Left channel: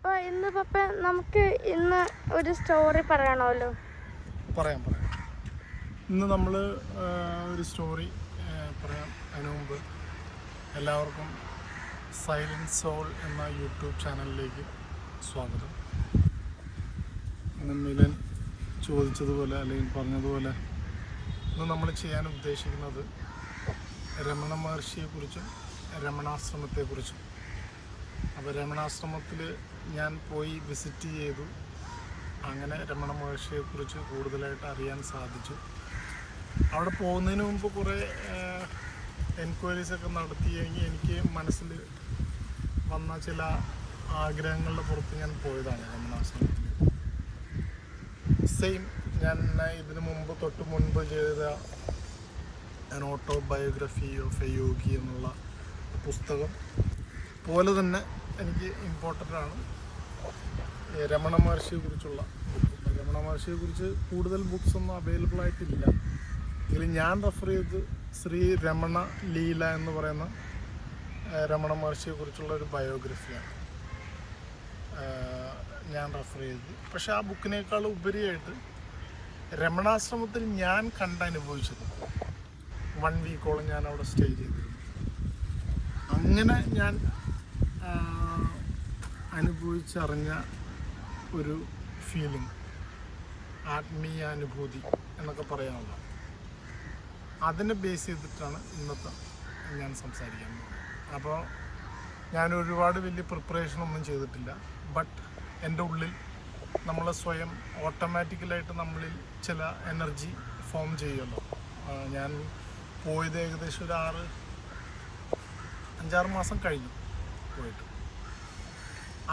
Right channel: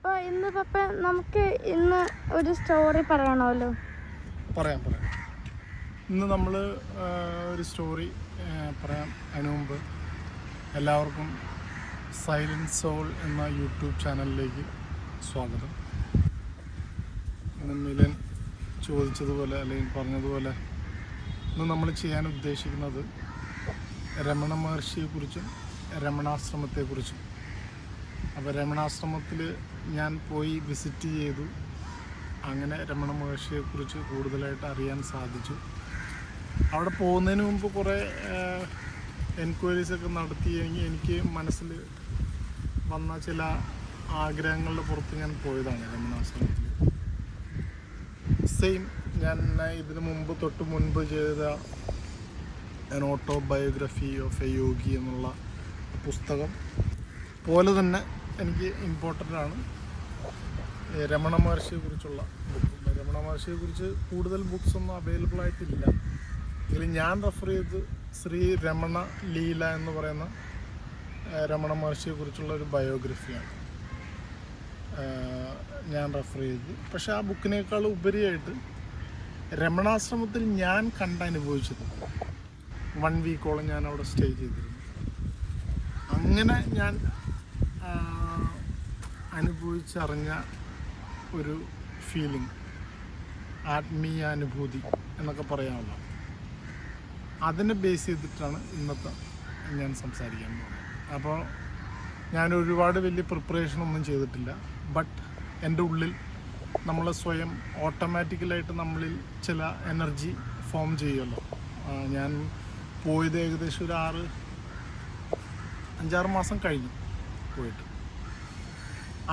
അപ്പോൾ നമുക്ക് ഇന്ന് ഒരു സ്റ്റോറി പറയണമല്ലോ. പറയാം. ഇന്ന് നമ്മൾ ഒരു സ്റ്റോറി പറയാം. അതിനു മുമ്പ് എല്ലാവർക്കും സൈലൻറ്റ് സോൾ എന്ന യൂട്യൂബ് ചാനലിലേക്ക് സ്വാഗതം. ഇന്ന് മിലൻ ചോദിച്ചതുപോലെ അല്ലെങ്കിൽ പറഞ്ഞതുപോലെ ഇന്ന് നമ്മൾ ചെയ്യാൻ ഉദ്ദേശിക്കുന്നത് രമണ മഹർഷിയെക്കുറിച്ചും രമണാശ്രമത്തെക്കുറിച്ചും. അപ്പോൾ രമണാശ്രമത്തിൽ ഞാൻ പോയി വിസിറ്റ് ചെയ്തു. അങ്ങനെ രമണ മഹർഷിയെക്കുറിച്ച് കൂടുതലായിട്ട് അറിയാൻ സാധിച്ചു. അവിടെ പോകുന്നതിന് മുമ്പ് കുറേ എൻക്വയറീസൊക്കെ നടത്തിയെങ്കിൽ എനിക്ക് മനസ്സിൽ വന്ന ചില ആഗ്രഹങ്ങളുടെ പുറത്ത് ഞാൻ പോയതാണ് രമണാശ്രമത്തിൽ. സെയിം ഞാൻ ഇതിന് തൊട്ട് മുൻപ് ചെയ്ത an autobiography of a yogi എന്നുള്ള പുസ്തകം പോലെ തന്നെ എനിക്ക് ഇമ്പോർട്ടൻ്റ് ആണ് രമണ മഹർഷിയെക്കുറിച്ച് കൂടുതൽ ബുക്സ് ഒന്നും അവൈലബിൾ ആയിട്ടില്ല. എങ്കിലും ഞാൻ റെഫർ ചെയ്ത് ശ്രീ രമണ ലീല എന്ന് പറയുന്ന രമണ മഹർഷിയെക്കുറിച്ചുള്ള ഒരു ബയോഗ്രഫിയാണ് ഞാൻ റെഫർ ചെയ്തത്. പക്ഷെ ആ ബുക്കിനേക്കാൾ ഉപരിയായിട്ട് രമണാശ്രമത്തിൽ ഞാൻ കണ്ടനുഭവിച്ചത് 1 വീക്കോളം ഞാൻ അവിടെ സ്റ്റേ ചെയ്തിരുന്നു. അങ്ങനെ ഞാൻ അനുഭവിച്ചറിഞ്ഞ ഒരു ഫീലിംഗ്, ആത്മീയാനുഭൂതി എന്നൊക്കെ പറയാമല്ലോ, അതിനെ ബേസ് ചെയ്തിട്ടാണ് ഇന്നത്തെ ഞാൻ സംസാരിക്കാൻ പോകുന്നത്. അപ്പോൾ ഞാൻ ഒരുപാട് വലിയ പ്രിപ്പറേഷനൊന്നും ചെയ്തിട്ടില്ല. ബട്ട് എൻ്റെ ഉള്ളിൽ നമ്മൾ സ്വയം ഓട്ടോമാറ്റിക്കലായിട്ട് നമ്മളിൽ ചില എനർജി ഫോം ചെയ്യുമല്ലോ. ഞാൻ പോയത് ഏകദേശം ഒരു 5-6 മാസം കഴിഞ്ഞു പോയിട്ട്.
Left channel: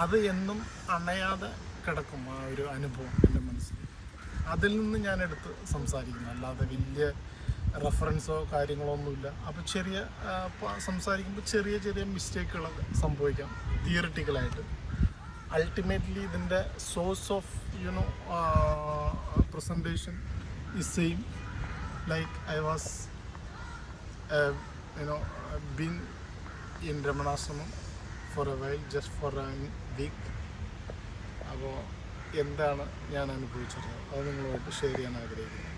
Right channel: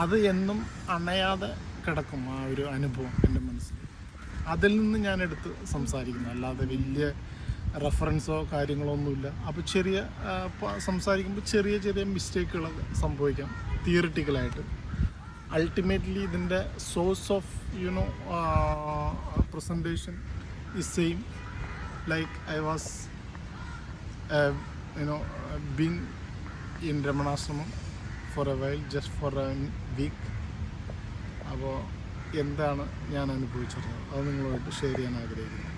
അത് എന്നും അണയാതെ കിടക്കും ആ ഒരു അനുഭവം എൻ്റെ മനസ്സിൽ. അതിൽ നിന്ന് ഞാൻ എടുത്ത് സംസാരിക്കുന്നു, അല്ലാതെ വലിയ റെഫറൻസോ കാര്യങ്ങളോ ഒന്നുമില്ല. അപ്പോൾ സംസാരിക്കുമ്പോൾ ചെറിയ മിസ്റ്റേക്കുകളൊക്കെ സംഭവിക്കാം തിയറിറ്റിക്കലായിട്ട്. അൾട്ടിമേറ്റ്ലി ഇതിൻ്റെ source of presentation is same. Like I was been in രമണാശ്രമം for a while, just for a week. അപ്പോൾ എന്താണ് ഞാൻ അനുഭവിച്ചത് അത് നിങ്ങളുമായിട്ട് ഷെയർ ചെയ്യാൻ ആഗ്രഹിക്കുന്നു.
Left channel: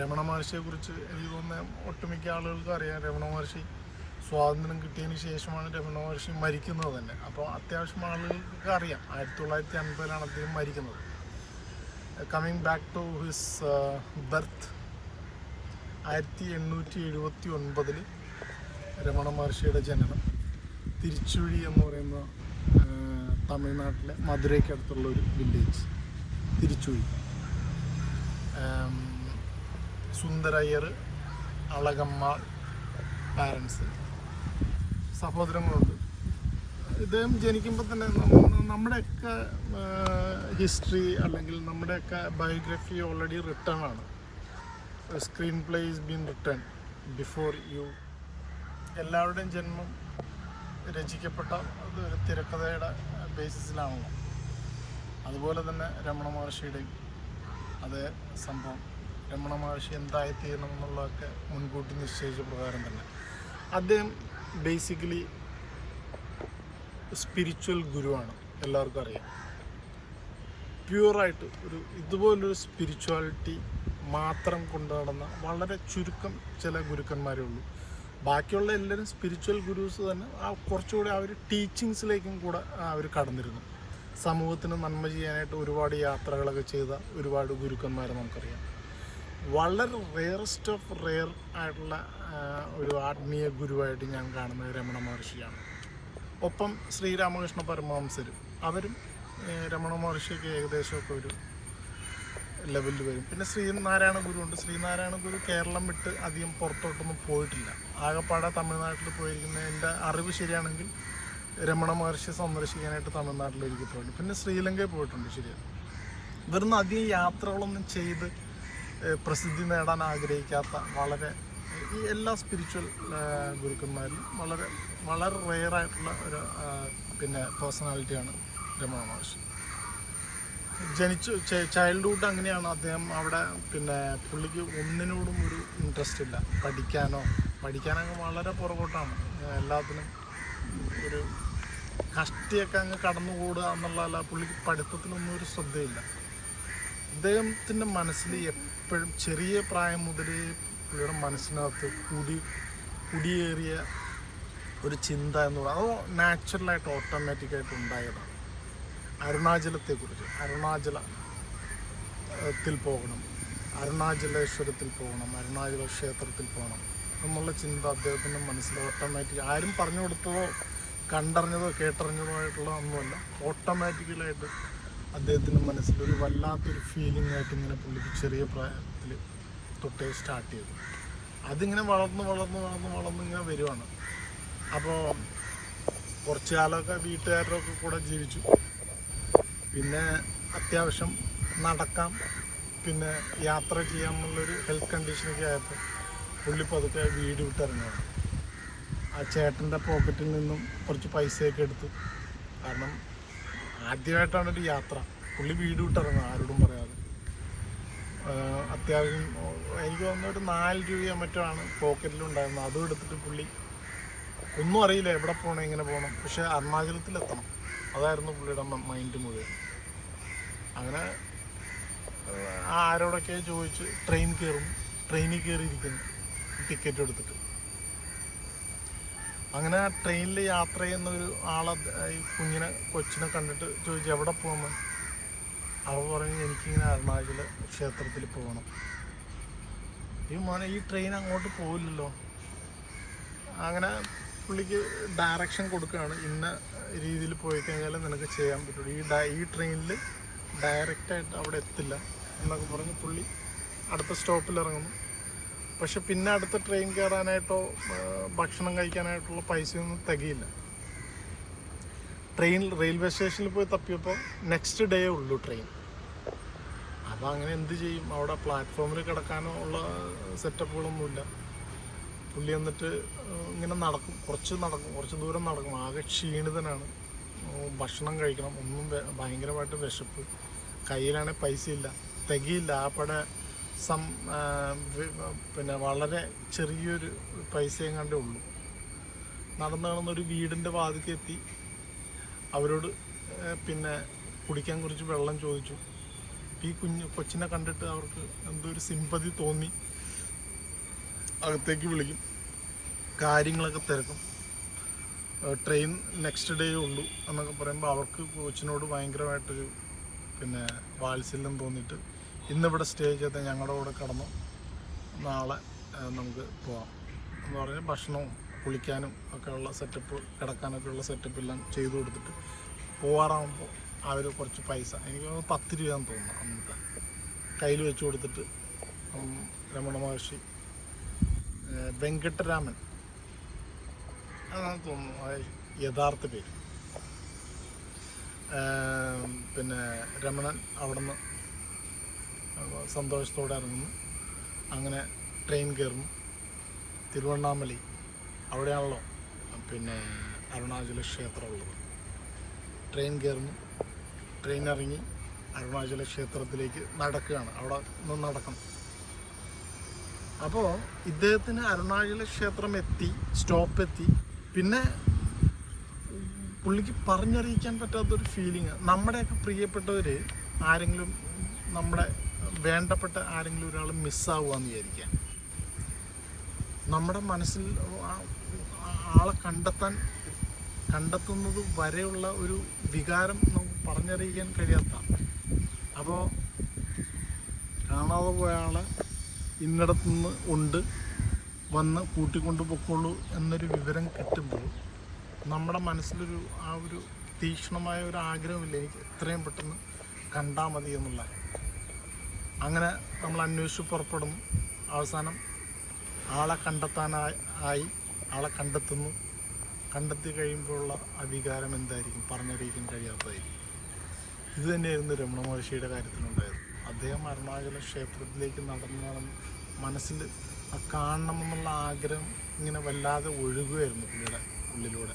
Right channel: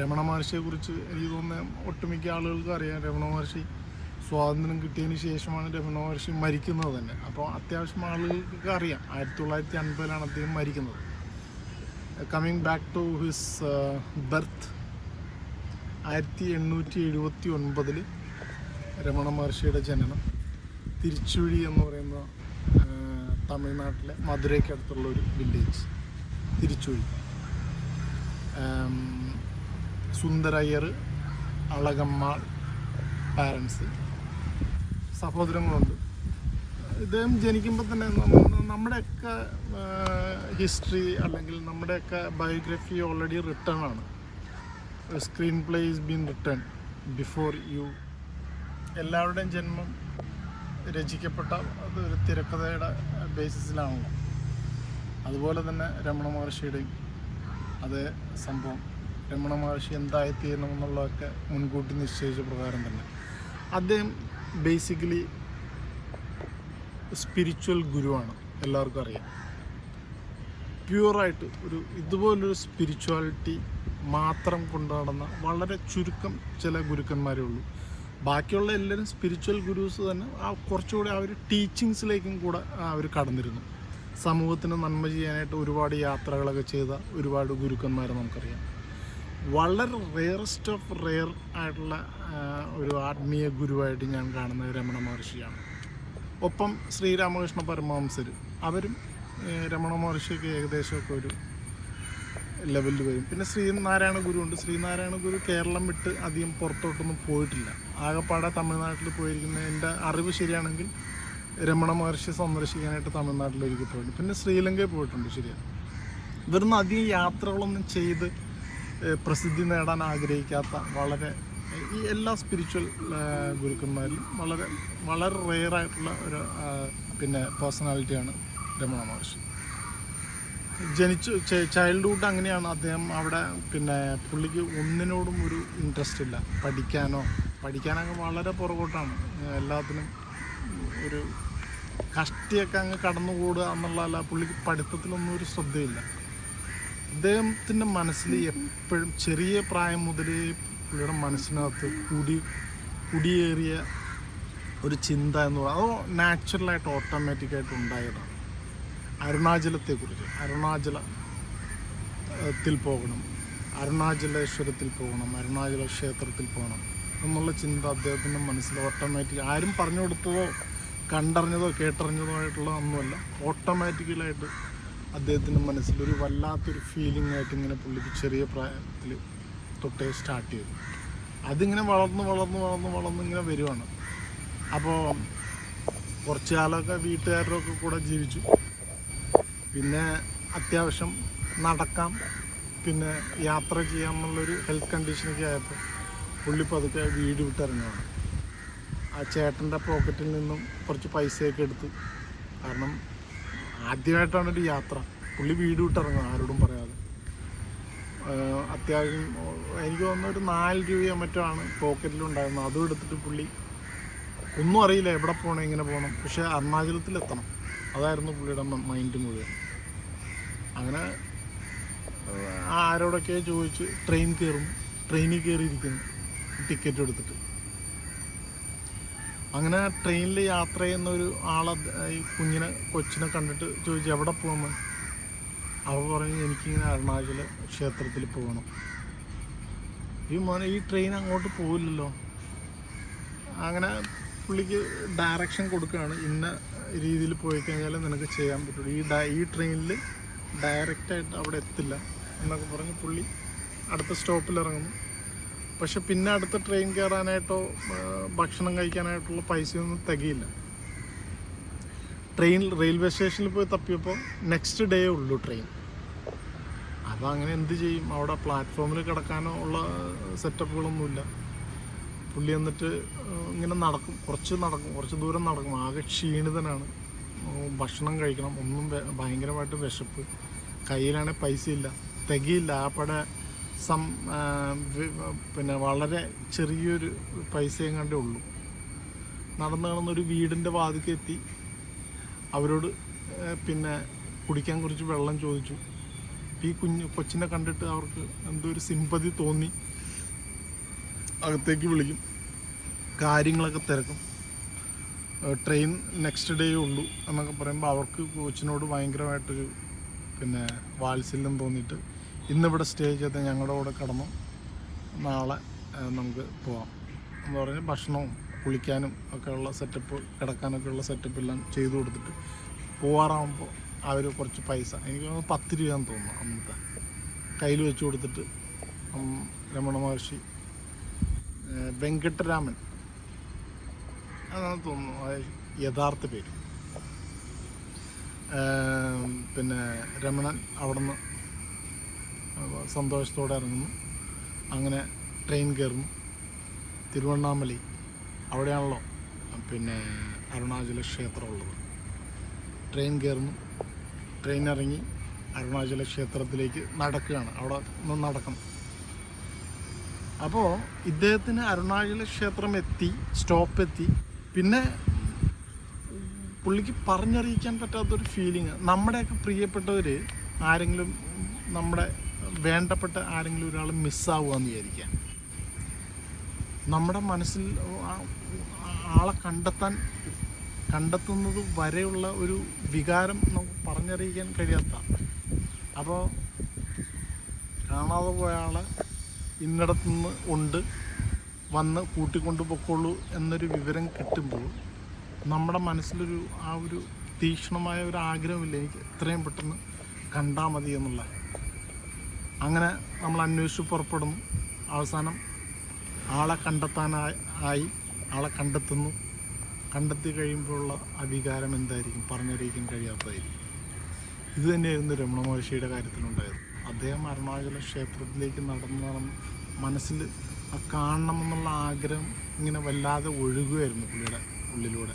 രമണ മഹർഷിയെക്കുറിച്ച് എനിക്ക് തോന്നുന്നത് ഒട്ടുമിക്ക ആളുകൾക്ക് അറിയാം. രമണ മഹർഷി സ്വാതന്ത്ര്യം കിട്ടിയതിന് ശേഷമാണ് രമണ മഹർഷി മരിക്കുന്നത് തന്നെ. അപ്പോൾ അത്യാവശ്യം ആളുകൾക്കൊക്കെ അറിയാം 1950 അദ്ദേഹം മരിക്കുന്നത്. Coming back to his birth, 1879 Ramana മഹർഷിയുടെ ജനനം തിരുച്ചുഴി എന്ന് പറയുന്ന തമിഴ്നാട്ടിലെ മധുരയ്ക്കടുത്തുള്ള ഒരു വില്ലേജ് തിരുച്ചുഴി. സുന്ദരയ്യർ, അളകമ്മാൾ പാരൻസ്, സഹോദരങ്ങളുണ്ട്. ഇദ്ദേഹം ജനിക്കുമ്പോൾ തന്നെ നമ്മുടെയൊക്കെ ഹിസ്റ്ററി അല്ലെങ്കിൽ നമ്മുടെയൊക്കെ ബയോഗ്രഫി ഓൾറെഡി റിട്ടേൺ ആണ്. Screen play is been return before you. എല്ലാവരുടെയും ജന്മം രചിക്കപ്പെട്ട അതൊരു തിരക്കഥയുടെ ബേസിസിലാണ്. അതുപോലെ തന്നെ രമണ മഹർഷിയുടെയും അതേ സംഭവം. രമണ മഹർഷി എന്തായിത്തീരണമെന്നുള്ളതൊക്കെ മുൻകൂട്ടി നിശ്ചയിച്ച പ്രകാരം തന്നെ. അദ്ദേഹം ബേസിക്കലി സ്പിരിച്വൽ ഗുരുവാണ്, എല്ലാവർക്കും അറിയാം. പ്യുവറായിട്ട് ഇതുപോലൊരു സ്പിരിച്വാലിറ്റി മാത്രം കൊണ്ടു നടന്ന വളരെ ചുരുക്കം ചില ഗുരുക്കന്മാരേ ഉള്ളൂ. ബാക്കിയുള്ള എല്ലാവരും സ്പിരിച്വൽ ഗുരുസ് തന്നെ കുറച്ചുകൂടി അവർ ടീച്ചിങ്സിലേക്കും കൂടെ അവർ കടന്നിരുന്നു. സമൂഹത്തിന് നന്മ ചെയ്യാനായിട്ട് ഒരുപാട് യാത്രകളൊക്കെ ചെയ്ത ഒരുപാട് ഗുരുക്കന്മാരെ നമുക്കറിയാം. വളരെ റെയറസ്റ്റ് ഓഫ് റെയർ ആയിട്ടുള്ള ഒരു ആത്മീയ ഗുരുവായിട്ട് ഞാൻ കാണുന്നത് രമണ മഹർഷിയാണ്. ഒപ്പം ശ്രീരാമകൃഷ്ണ പരമഹംസർ, അവരും രമണ മഹർഷിയൊക്കെ ഏകദേശമൊക്കെ ഒരു ലെവലിൽ വരും. പിന്നെ ശ്രീനാരായണ ഗുരു ഉണ്ട്. ശ്രീനാരായണ ഗുരു കേരളം വിട്ട് അധികം പുറത്തോട്ടൊന്നും പോയിട്ടില്ല. ആകെപ്പാടെ തമിഴ്നാട്ടിൽ പോയിരിക്കുന്ന, എൻ്റെ അറിവ് ശരിയാണെങ്കിൽ രമണ മഹർഷിയെ സന്ദർശിക്കാനായിട്ട് തമിഴ്നാട്ടിലേക്ക് പോയിട്ടുണ്ട്. പിന്നെ ശ്രീലങ്കയിൽ പോയിട്ടുണ്ട്. ശരിയാണ്. ഇവിടുന്ന് അധികം യാത്രകളൊന്നും ചെയ്ത് പ്രസിദ്ധി നേടാൻ ആഗ്രഹിക്കാത്ത ഈ എല്ലാ സ്പിരിച്വൽ ഗുരുക്കന്മാരിലും വളരെ റെയറായിട്ടുള്ള ഒരു പേഴ്സണാലിറ്റിയാണ് രമണ മഹർഷി. ചൈൽഡ്ഹുഡ് അങ്ങനെയാണ്. അദ്ദേഹം അവിടെ പുള്ളിക്ക് ഒന്നിനോടും ഒരു ഇൻട്രസ്റ്റ് ഇല്ല. പഠിക്കാനൊക്കെ വളരെ പുറകോട്ടാണ്. എല്ലാത്തിനും ഒരു കഷ്ടിയൊക്കെ അങ്ങ് കടന്നുകൂടുക എന്നുള്ളതല്ല, പുള്ളിക്ക് പഠിത്തത്തിലൊന്നും ഒരു ശ്രദ്ധയില്ല. അദ്ദേഹത്തിൻ്റെ മനസ്സിൽ എപ്പോഴും ചെറിയ പ്രായം മുതലേ പുള്ളിയുടെ മനസ്സിനകത്ത് കുടിയേറിയ ഒരു ചിന്ത എന്ന് പറയുന്നത് അതോ നാച്ചുറലായിട്ട് ഓട്ടോമാറ്റിക്കായിട്ട് ഉണ്ടായതാണ്. അരുണാചലത്തെക്കുറിച്ച്, അരുണാചലത്തിൽ പോകണം, അരുണാചലേശ്വരത്തിൽ പോകണം, അരുണാചല ക്ഷേത്രത്തിൽ പോകണം എന്നുള്ള ചിന്ത അദ്ദേഹത്തിൻ്റെ മനസ്സിൽ ഓട്ടോമാറ്റിക്, ആരും പറഞ്ഞു കൊടുത്തതോ കണ്ടറിഞ്ഞതോ കേട്ടറിഞ്ഞതോ ആയിട്ടുള്ള ഒന്നുമല്ല, ഓട്ടോമാറ്റിക്കലായിട്ട് അദ്ദേഹത്തിൻ്റെ മനസ്സിലൊരു വല്ലാത്തൊരു ഫീലിംഗ് ആയിട്ട് ഇങ്ങനെ പുള്ളിക്ക് ചെറിയ പ്രായത്തിൽ തൊട്ടേ സ്റ്റാർട്ട് ചെയ്തു. അതിങ്ങനെ വളർന്ന് ഇങ്ങനെ വരുവാണ്. അപ്പോൾ കുറച്ച് കാലമൊക്കെ വീട്ടുകാരുടെ ഒക്കെ കൂടെ ജീവിച്ചു. പിന്നെ അത്യാവശ്യം നടക്കാം, പിന്നെ യാത്ര ചെയ്യാമെന്നുള്ളൊരു ഹെൽത്ത് കണ്ടീഷനൊക്കെ ആയപ്പോൾ പുള്ളി പതുക്കെ വീട് വിട്ടിറങ്ങുകയാണ്. ആ ചേട്ടൻ്റെ പോക്കറ്റിൽ നിന്നും കുറച്ച് പൈസയൊക്കെ എടുത്തു. കാരണം ആദ്യമായിട്ടാണ് ഒരു യാത്ര. പുള്ളി വീട് വിട്ടിറങ്ങുക, ആരോടും പറയാതെ. അത്യാവശ്യം എനിക്ക് തോന്നുന്നു ഒരു 4 രൂപയോ മറ്റോ ആണ് പോക്കറ്റിലുണ്ടായിരുന്നത്. അതും എടുത്തിട്ട് പുള്ളി ഒന്നും അറിയില്ല എവിടെ പോകണം, എങ്ങനെ പോകണം, പക്ഷെ അരുണാചലത്തിലെത്തണം, അതായിരുന്നു പുള്ളിയുടെ മൈൻഡ് മുഴുവൻ. അങ്ങനെ ആരോടൊക്കെ ചോദിച്ച് ട്രെയിനിൽ കയറിയിരിക്കുന്നു ടിക്കറ്റ് എടുത്തിട്ട്. അങ്ങനെ ട്രെയിനിൽ യാത്ര ചെയ്യുന്ന ഒരു ആളെ, ഈ കൊച്ചിനെ കണ്ടിട്ട് ചോദിച്ചു എവിടെ പോകണം. അവൾ പറഞ്ഞു എനിക്കിങ്ങനെ അരുണാചല ക്ഷേത്രത്തിൽ പോകണം. ഈ ട്രെയിൻ അങ്ങോട്ട് പോകില്ലല്ലോ. അങ്ങനെ പുള്ളിക്ക് ഡയറക്ഷൻ കൊടുക്കുകയാണ്, ഇന്ന രീതിയിൽ പോയി കഴിഞ്ഞാൽ നിനക്ക് ചെയ്യാൻ പറ്റുള്ളൂ, ഈ ട്രെയിനിൽ ഡയറക്റ്റായിട്ട് അവിടെ എത്തില്ല എന്നൊക്കെ പറഞ്ഞ് പുള്ളി അടുത്ത സ്റ്റോപ്പിൽ ഇറങ്ങുന്നു. പക്ഷെ പിന്നെ അടുത്ത ട്രെയിൻ കയറാനായിട്ടോ ഭക്ഷണം കഴിക്കാനായിട്ടുള്ള പൈസയൊന്നും തികയില്ല. റെയിൽവേ സ്റ്റേഷനിൽ പോയി തപ്പിയപ്പോൾ നെക്സ്റ്റ് ഡേ ഉള്ളൂ ട്രെയിൻ. അപ്പോൾ അങ്ങനെ എന്ത് ചെയ്യും? അവിടെ പ്ലാറ്റ്ഫോമിൽ കിടക്കാനോ ഉള്ള സെറ്റപ്പുകളൊന്നുമില്ല. പുള്ളി എന്നിട്ട് ഇങ്ങനെ കുറച്ച് ദൂരം നടക്കും. ആകെ ക്ഷീണിതനാണ്. ഭക്ഷണം കഴിക്കണം, ഒന്നും ഭയങ്കരമായിട്ട് വിശപ്പ്, കയ്യിലാണെങ്കിൽ പൈസ ഇല്ല, തികയില്ല. ആപ്പടെ പിന്നെ വളരെ ചെറിയൊരു പൈസയും കണ്ടേ ഉള്ളൂ. നടന്നൊരു വീടിൻ്റെ വാതിക്കെത്തി അവരോട് പിന്നെ കുടിക്കാൻ കുറച്ച് വെള്ളം ചോദിച്ചു. ഈ കൊച്ചിനെ കണ്ടിട്ട് അവർക്ക് എന്തോ ഒരു സിമ്പതി തോന്നി. അകത്തേക്ക് വിളിക്കും, കാര്യങ്ങളൊക്കെ തിരക്കും. ട്രെയിൻ നെക്സ്റ്റ് ഡേ ഉള്ളൂ എന്നൊക്കെ പറയുമ്പോൾ അവർക്ക് കൊച്ചിനോട് ഭയങ്കരമായിട്ടൊരു പിന്നെ വാത്സല്യം തോന്നിയിട്ട് ഇന്നിവിടെ സ്റ്റേ ചെയ്ത് ഞങ്ങളുടെ കൂടെ കിടന്നു, നാളെ നമുക്ക് പോവാം എന്ന് പറഞ്ഞ് ഭക്ഷണവും കുളിക്കാനും ഒക്കെയുള്ള സെറ്റപ്പ്, കിടക്കാനൊക്കെ ഉള്ള സെറ്റപ്പ് എല്ലാം ചെയ്തു കൊടുത്തിട്ട് പോവാറാകുമ്പോൾ അവർ കുറച്ച് പൈസ, എനിക്ക് 10 രൂപയാണെന്ന് തോന്നുന്നു അന്നത്തെ, കയ്യിൽ വെച്ച് കൊടുത്തിട്ട് രമണ മഹർഷി വെങ്കട്ടരാമൻ അതാണ് തോന്നുന്നു യഥാർത്ഥ പേര്. പിന്നെ രമണൻ അവിടെ നിന്ന് സന്തോഷത്തോടെ ഇറങ്ങുന്നു. അങ്ങനെ ട്രെയിൻ കയറുന്നു. തിരുവണ്ണാമലൈ അവിടെയാണല്ലോ പിന്നെ അരുണാചല ക്ഷേത്രം ഉള്ളത്. ട്രെയിൻ കയറുന്നു, ട്രെയിൻ ഇറങ്ങി അരുണാചല ക്ഷേത്രത്തിലേക്ക് നടക്കുകയാണ്. അവിടെ ഒന്ന് നടക്കണം. അപ്പോൾ ഇദ്ദേഹത്തിന് അരുണാചല ക്ഷേത്രം സ്റ്റോപ്പ് എത്തി. പിന്നെ പുള്ളിക്ക് പറഞ്ഞറിയിക്കാൻ പറ്റാത്തൊരു ഫീലിങ്. നമ്മുടെയൊക്കെ പ്രിയപ്പെട്ടവർ ആരെങ്കിലും, നമ്മുടെ വേണ്ടപ്പെട്ട ആരെങ്കിലും ഒരാൾ മിസ്സാവുകയെന്ന് വിചാരിക്കുക. നമ്മുടെ മനസ്സിൽ ആളെ കണ്ടെത്തുന്നത് വരെയുള്ള ഒരു വികാരം നമുക്ക് പറഞ്ഞറിയിക്കാൻ കഴിയാത്ത. അപ്പോൾ കാണാതെ പോയ ആളെ ഇന്നിടത്തുനിന്ന് വന്ന് കൂട്ടിക്കൊണ്ട് പൊക്കോളൂ എന്നൊരു വിവരം കിട്ടുമ്പോൾ നമ്മുടെ മനസ്സിലൊരു ആ ഒരു തീക്ഷ്ണമായ ഒരു ആഗ്രഹമില്ല, എനിക്ക് എത്രയും പെട്ടെന്ന് കണ്ടാൽ മതി എന്നുള്ള. അങ്ങനെ നമ്മൾ അന്വേഷിച്ച് പുറപ്പെടുന്നു. അവസാനം ആളെ കണ്ടെത്താനായി ആളെ കണ്ടെത്തി കഴിയുമ്പോഴുള്ള ആ വികാരം എന്തായിരിക്കും? പറഞ്ഞറിയിക്കാൻ കഴിയാത്തതായിരിക്കും. ഇത് തന്നെയായിരുന്നു രമണ മഹർഷിയുടെ കാര്യത്തിലുണ്ടായത്. അദ്ദേഹം അരുണാചല ക്ഷേത്രത്തിലേക്ക് നടന്ന് മനസ്സിൽ കാണണമെന്നുള്ള ആഗ്രഹം ഇങ്ങനെ വല്ലാതെ ഒഴുകുമായിരുന്നു പുള്ളിയുടെ ഉള്ളിലൂടെ.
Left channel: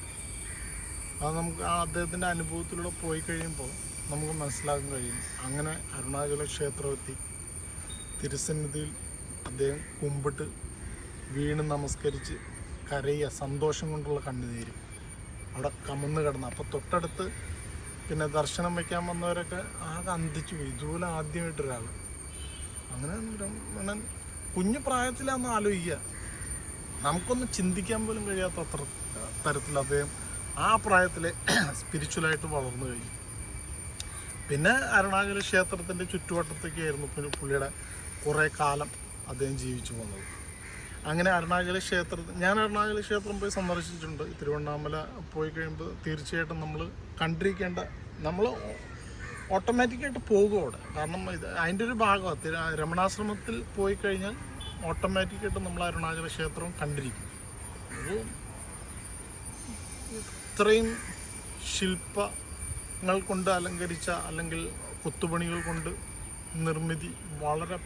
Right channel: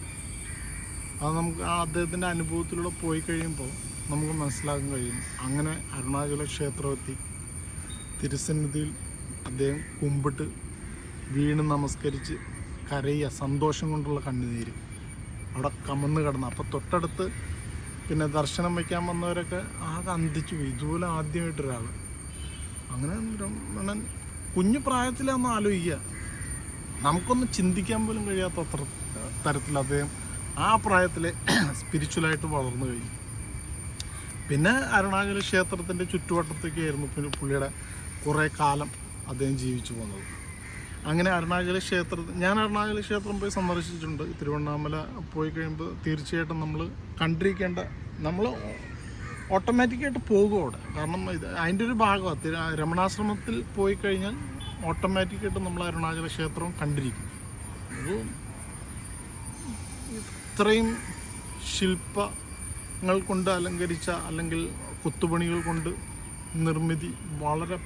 അത് നമുക്ക് അദ്ദേഹത്തിൻ്റെ അനുഭവത്തിലൂടെ പോയി കഴിയുമ്പോൾ നമുക്ക് മനസ്സിലാക്കാൻ കഴിയും. അങ്ങനെ അരുണാചല ക്ഷേത്രമെത്തി തിരുസന്നിധിയിൽ അദ്ദേഹം കുമ്പിട്ട് വീണ് നമസ്കരിച്ച് കരയുക, സന്തോഷം കൊണ്ടുള്ള കണ്ണുനീര്. അവിടെ കമന്ന് കിടന്നു. അപ്പോൾ തൊട്ടടുത്ത് പിന്നെ ദർശനം വയ്ക്കാൻ വന്നവരൊക്കെ ആകെ അന്തിച്ചു പോയി, ഇതുപോലെ ആദ്യമായിട്ടൊരാൾ. അങ്ങനെ രമണൻ കുഞ്ഞു പ്രായത്തിലൊന്നും ആലോചിക്കുക, നമുക്കൊന്നും ചിന്തിക്കാൻ പോലും കഴിയാത്ത അത്ര തരത്തിൽ അദ്ദേഹം ആ പ്രായത്തിൽ സ്പിരിച്വലായിട്ട് വളർന്നു കഴിഞ്ഞു. പിന്നെ അരുണാചല ക്ഷേത്രത്തിൻ്റെ ചുറ്റുവട്ടത്തൊക്കെ ആയിരുന്നു പിന്നെ പുള്ളിയുടെ കുറേ കാലം അദ്ദേഹം ജീവിച്ചു പോകുന്നത്. അങ്ങനെ അരുണാചല ഞാൻ അരുണാചല ക്ഷേത്രം പോയി സന്ദർശിച്ചിട്ടുണ്ട്. തിരുവണ്ണാമല പോയി കഴിയുമ്പോൾ തീർച്ചയായിട്ടും നമ്മൾ കണ്ടിരിക്കേണ്ട, നമ്മൾ ഓട്ടോമാറ്റിക്കായിട്ട് പോകും അവിടെ. കാരണം അതിൻ്റെ ഒരു ഭാഗമാണ്. രമണാശ്രമത്തിൽ പോയി കഴിഞ്ഞാൽ ഓട്ടോമാറ്റിക്കായിട്ട് നമ്മൾ അരുണാചല ക്ഷേത്രവും കണ്ടിരിക്കും. ഇത്രയും ശില്പങ്ങൾ കൊണ്ട് അലങ്കരിച്ച അല്ലെങ്കിൽ കൊത്തുപണികൾ കൊണ്ട് നിർമ്മിതി വളരെ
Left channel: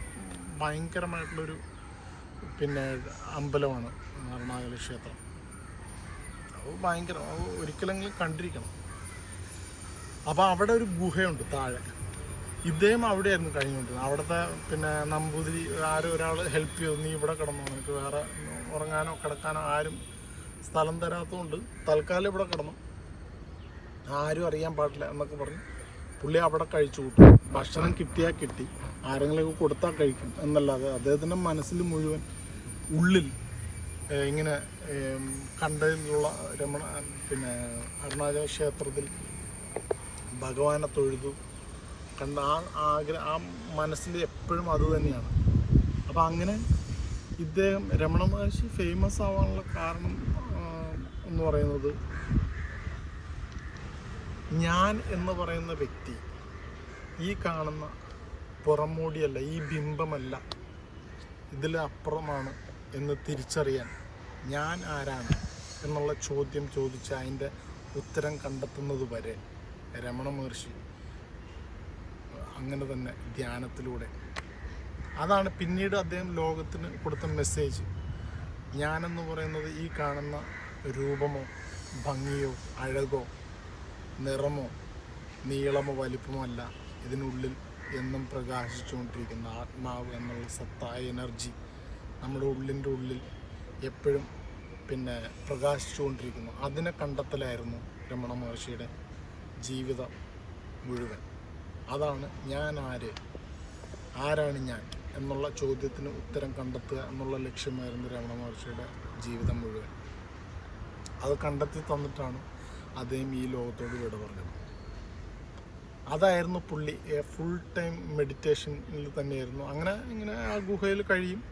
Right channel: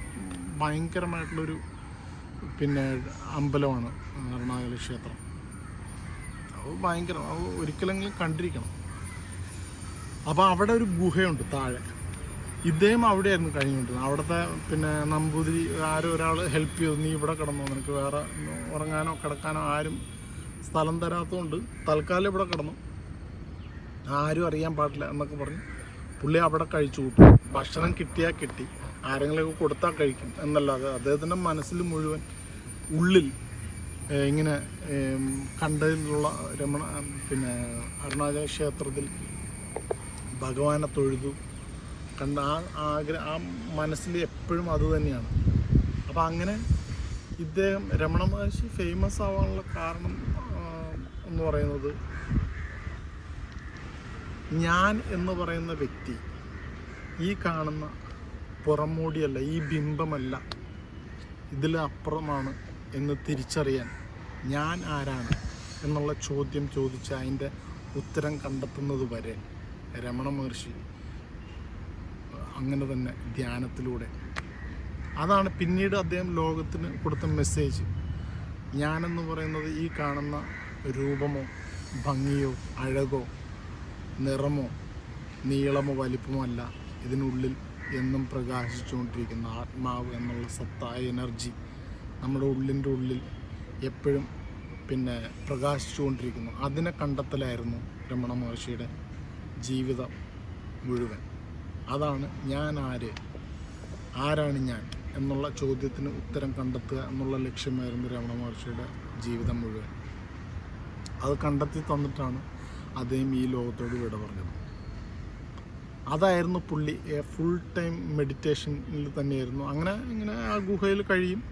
ഭയങ്കരമായിട്ടുള്ളൊരു പിന്നെ അമ്പലമാണ് അരുണാചല ക്ഷേത്രം. അത് ഭയങ്കരം, അത് ഒരിക്കലെങ്കിലും കണ്ടിരിക്കണം. അപ്പോൾ അവിടെ ഒരു ഗുഹയുണ്ട് താഴെ. ഇദ്ദേഹം അവിടെയായിരുന്നു കഴിഞ്ഞുകൊണ്ടിരുന്നത്. അവിടുത്തെ പിന്നെ നമ്പൂതിരി ആരോ ഒരാൾ ഹെൽപ്പ് ചെയ്തു, നീ ഇവിടെ കിടന്നോ, നിനക്ക് വേറെ ഉറങ്ങാനോ കിടക്കാനോ ആരും സ്ഥലം തരാത്തതുകൊണ്ട് തൽക്കാലം ഇവിടെ കിടന്നു, ആരും അറിയാൻ പാടില്ല എന്നൊക്കെ പറഞ്ഞ് പുള്ളി അവിടെ കഴിച്ചു കൂട്ടും. ഭക്ഷണം കിട്ടിയാൽ കിട്ടി, ആരെങ്കിലുമൊക്കെ കൊടുത്താൽ കഴിക്കും എന്നല്ലാതെ അദ്ദേഹത്തിൻ്റെ മനസ്സിൽ മുഴുവൻ ഉള്ളിൽ ഇങ്ങനെ കണ്ടതിലുള്ള പിന്നെ അരുണാചല ക്ഷേത്രത്തിൽ ഭഗവാനെ തൊഴുതു കണ്ട ആ മനസ്സിൽ എപ്പോഴും അത് തന്നെയാണ്. അപ്പം അങ്ങനെ ഇദ്ദേഹം രമണ മഹർഷി ഫേമസ് ആവാനുള്ള കാരണം എന്ന് പറയുന്നത്, ഞാൻ എന്ന് പറയുന്ന വ്യക്തി ഈ കാണുന്ന പുറമോടിയല്ല, ഈ ബിംബമല്ല, ഇതിലപ്പുറമാണ് എന്ന് തിരിച്ചറിയാൻ ഞാൻ ആരാണ് എന്നുള്ള ചോദ്യം ചോദിച്ച് അതിൻ്റെ ഉത്തരം കണ്ടെത്തുന്നത് വരെ രമണ മഹർഷി അങ്ങനെ തന്നെ ധ്യാനത്തിലൂടെ, അതാണ് പിന്നീട് അദ്ദേഹം ലോകത്തിന് കൊടുത്ത മെസ്സേജ്. ഞാനെന്ന് പറയുന്നത് ഈ കാണുന്ന രൂപമോ ഭംഗിയോ അഴകോ നിറമോ നീളമോ വലിപ്പമോ അല്ല, ഇതിനുള്ളിൽ എന്നും പ്രകാശിച്ചുകൊണ്ടിരിക്കുന്ന ആത്മാവ് എന്നുള്ള സത്തായ എനർജി നമ്മുടെ ഉള്ളിൻ്റെ ഉള്ളിൽ എപ്പോഴും പിന്നെ പ്രകാശിച്ചുകൊണ്ടിരിക്കുന്നു. അതിനെ കണ്ടെത്തലായിരുന്നു രമണ മഹർഷിയുടെ ജീവിതം മുഴുവൻ. അതാണ് ഞാൻ ആരാണ് ഞാൻ എന്നുള്ള ചോദ്യത്തിന് ഉത്തരം കണ്ടെത്തുക എന്നുള്ള ലക്ഷ്യമായിരുന്നു രമണ മഹർഷിയുടെ ജീവിതം മുഴുവൻ. അത് കണ്ടെത്തി തന്നിട്ടാണ് അദ്ദേഹം ഈ ലോകത്തോട് വിട പറഞ്ഞത്. അതായിരുന്നു പുള്ളി ഫുൾ ടൈം മെഡിറ്റേഷനിൽ തന്നെയായിരുന്നു. അങ്ങനെ ഇങ്ങനെ ആ ഗുഹയിൽ കഴിയും.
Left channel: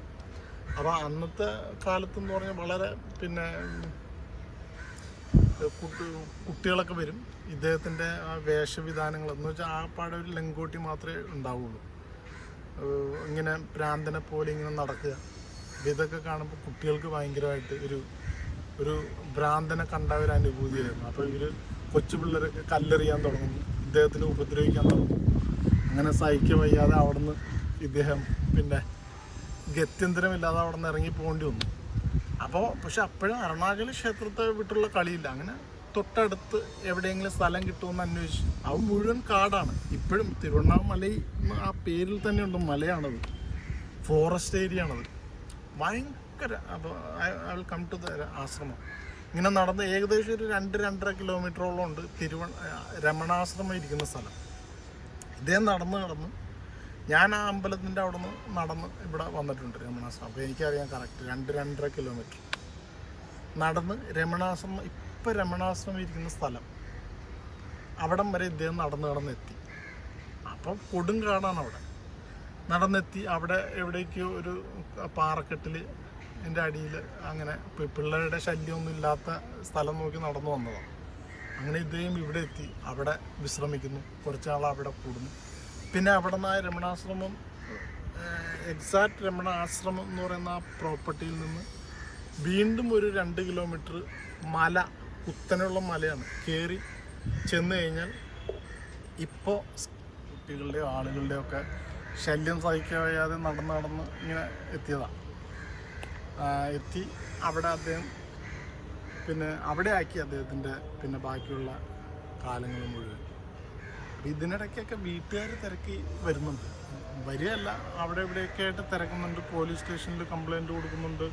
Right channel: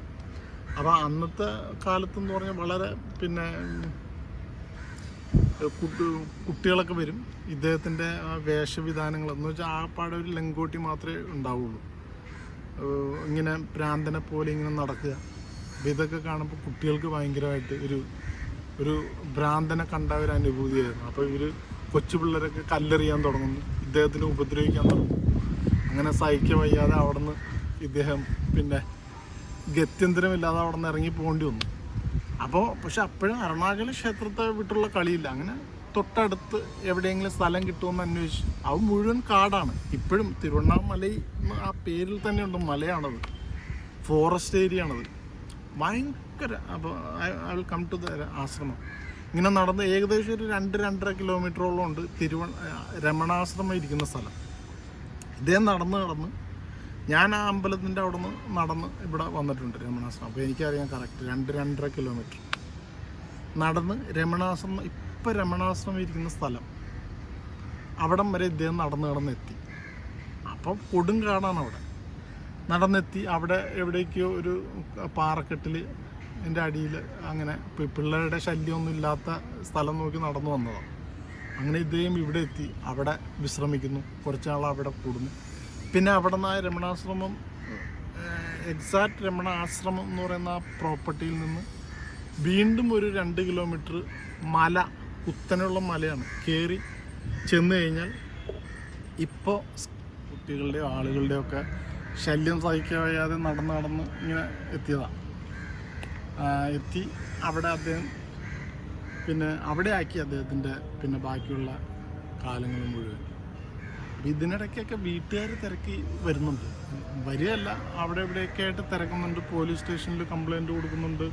അപ്പോൾ അന്നത്തെ കാലത്തെന്ന് പറഞ്ഞാൽ വളരെ പിന്നെ കുട്ടികളൊക്കെ വരും. ഇദ്ദേഹത്തിൻ്റെ ആ വേഷവിധാനങ്ങൾ എന്ന് വെച്ചാൽ ആ പാടെ ഒരു ലങ്കോട്ടി മാത്രമേ ഉണ്ടാവുള്ളൂ, ഇങ്ങനെ ഭ്രാന്തനെ പോലെ ഇങ്ങനെ നടക്കുക. ഇതൊക്കെ കാണുമ്പോൾ കുട്ടികൾക്ക് ഭയങ്കരമായിട്ട് ഒരു ഭ്രാന്തനെ കണ്ട ഒരു അനുഭൂതിയായിരുന്നു. അപ്പോൾ ഇവർ കൊച്ചു പിള്ളേരൊക്കെ കല്ലെറിയാൻ തുടങ്ങുന്നു, ഇദ്ദേഹത്തിനെ ഉപദ്രവിക്കാൻ തുടങ്ങും. അങ്ങനെ സഹിക്കുക വയ്യാതെ അവിടെ നിന്ന് ഇദ്ദേഹം പിന്നെ ഗത്യന്തരമില്ലാതെ അവിടെ നിന്ന് ഇറങ്ങി പോകേണ്ടി വന്നു. അപ്പോൾ പക്ഷെ അപ്പോഴും അരുണാചല ക്ഷേത്രത്തെ വിട്ടുള്ള കളിയില്ല. അങ്ങനെ തൊട്ടടുത്ത് എവിടെയെങ്കിലും സ്ഥലം കിട്ടുമെന്ന് അന്വേഷിച്ചു. അത് മുഴുവൻ കാടാണ്. ഇപ്പോഴും തിരുവണ്ണാമല ആ പേരിൽ തന്നെയുണ്ട്, മലയാണത്, ഫോറസ്റ്റ് ഏരിയ ആണത്, ഭയങ്കര. അപ്പോൾ I will come to the ആശ്രമം. ഇങ്ങനെ നടന്ന് ഏകദേശം ഒരു 2-2.5 കിലോമീറ്ററോളം ഉണ്ട് രമണാശ്രമം ഇരിക്കുന്ന സ്ഥലം. ഇദ്ദേഹം നടന്ന് ഞാൻ ആ അമ്പലത്തിൻ്റെ അവിടെ നിന്ന് നടന്ന് ഇവിടെ വന്നിട്ടുണ്ട് രമണാശ്രമം. അപ്പോൾ എനിക്കറിയാം കറക്റ്റ് 2-2.5 കിലോമീറ്റർ നടന്ന് രമണാശ്രമം, ഇപ്പം രമണാശ്രമം ഇരിക്കുന്ന സ്ഥലം അവിടം വരെ ഇദ്ദേഹം നടന്നെത്തി. അപ്പോൾ കൊടുങ്കാടാണ് അവിടെ. നടന്നെത്തി അവിടെ എവിടേക്കോ ഒരു പാറക്കെട്ടിൽ എൻ്റെ അടിയിൽ അങ്ങനെ പിള്ളേരുടെ ശല്യമൊന്നും ഇല്ലാത്ത സ്ഥലം നോക്കി നടന്നു വന്നതാണ്. അങ്ങനെ ഇദ്ദേഹം ഇവിടെ എത്തി, അവിടെ വിശ്രമിക്കുന്നു, കുറച്ചാൾ അവിടെ കൂടുന്നു. പിന്നെ അവിടെ നിന്ന് രമണാശ്രമം, എക്സാക്ട് രമണ ആശ്രമം എന്ന് പറയുന്ന ആ പ്രോപ്പർട്ടിയിൽ നിന്ന് വീണ്ടും ഒരു 2 കിലോമീറ്റർ മല, കുത്തനെയുള്ള മലയാണ്. കയറി ചെന്ന് കഴിഞ്ഞാൽ ഇപ്പോൾ കുട്ടികളുടെയോ ആളുകളുടെയോ ഒക്കെ ശല്യം സഹിക്കാൻ വയ്യാതെ നടന്ന് ഇങ്ങനെ എത്തിയതാണ്. എത്തി അവിടെ അദ്ദേഹം പിന്നെ അവിടെ ആക്കി അദ്ദേഹത്തിൻ്റെ പിന്നെ ബാക്കിയുള്ള കാലങ്ങൾ മുഴുവൻ. അപ്പം ഇതിനിടയ്ക്കൊക്കെ വീട്ടുകാർ തിരക്കി വരുന്നുണ്ട്, വരികയല്ല, അവിടെ ഇവിടെയൊക്കെ ആയിട്ട് തിരക്കുന്നുണ്ട്. പോലീസ് സ്റ്റേഷനിൽ കംപ്ലൈൻറ്റ് കൊടുക്കുന്നുണ്ട്,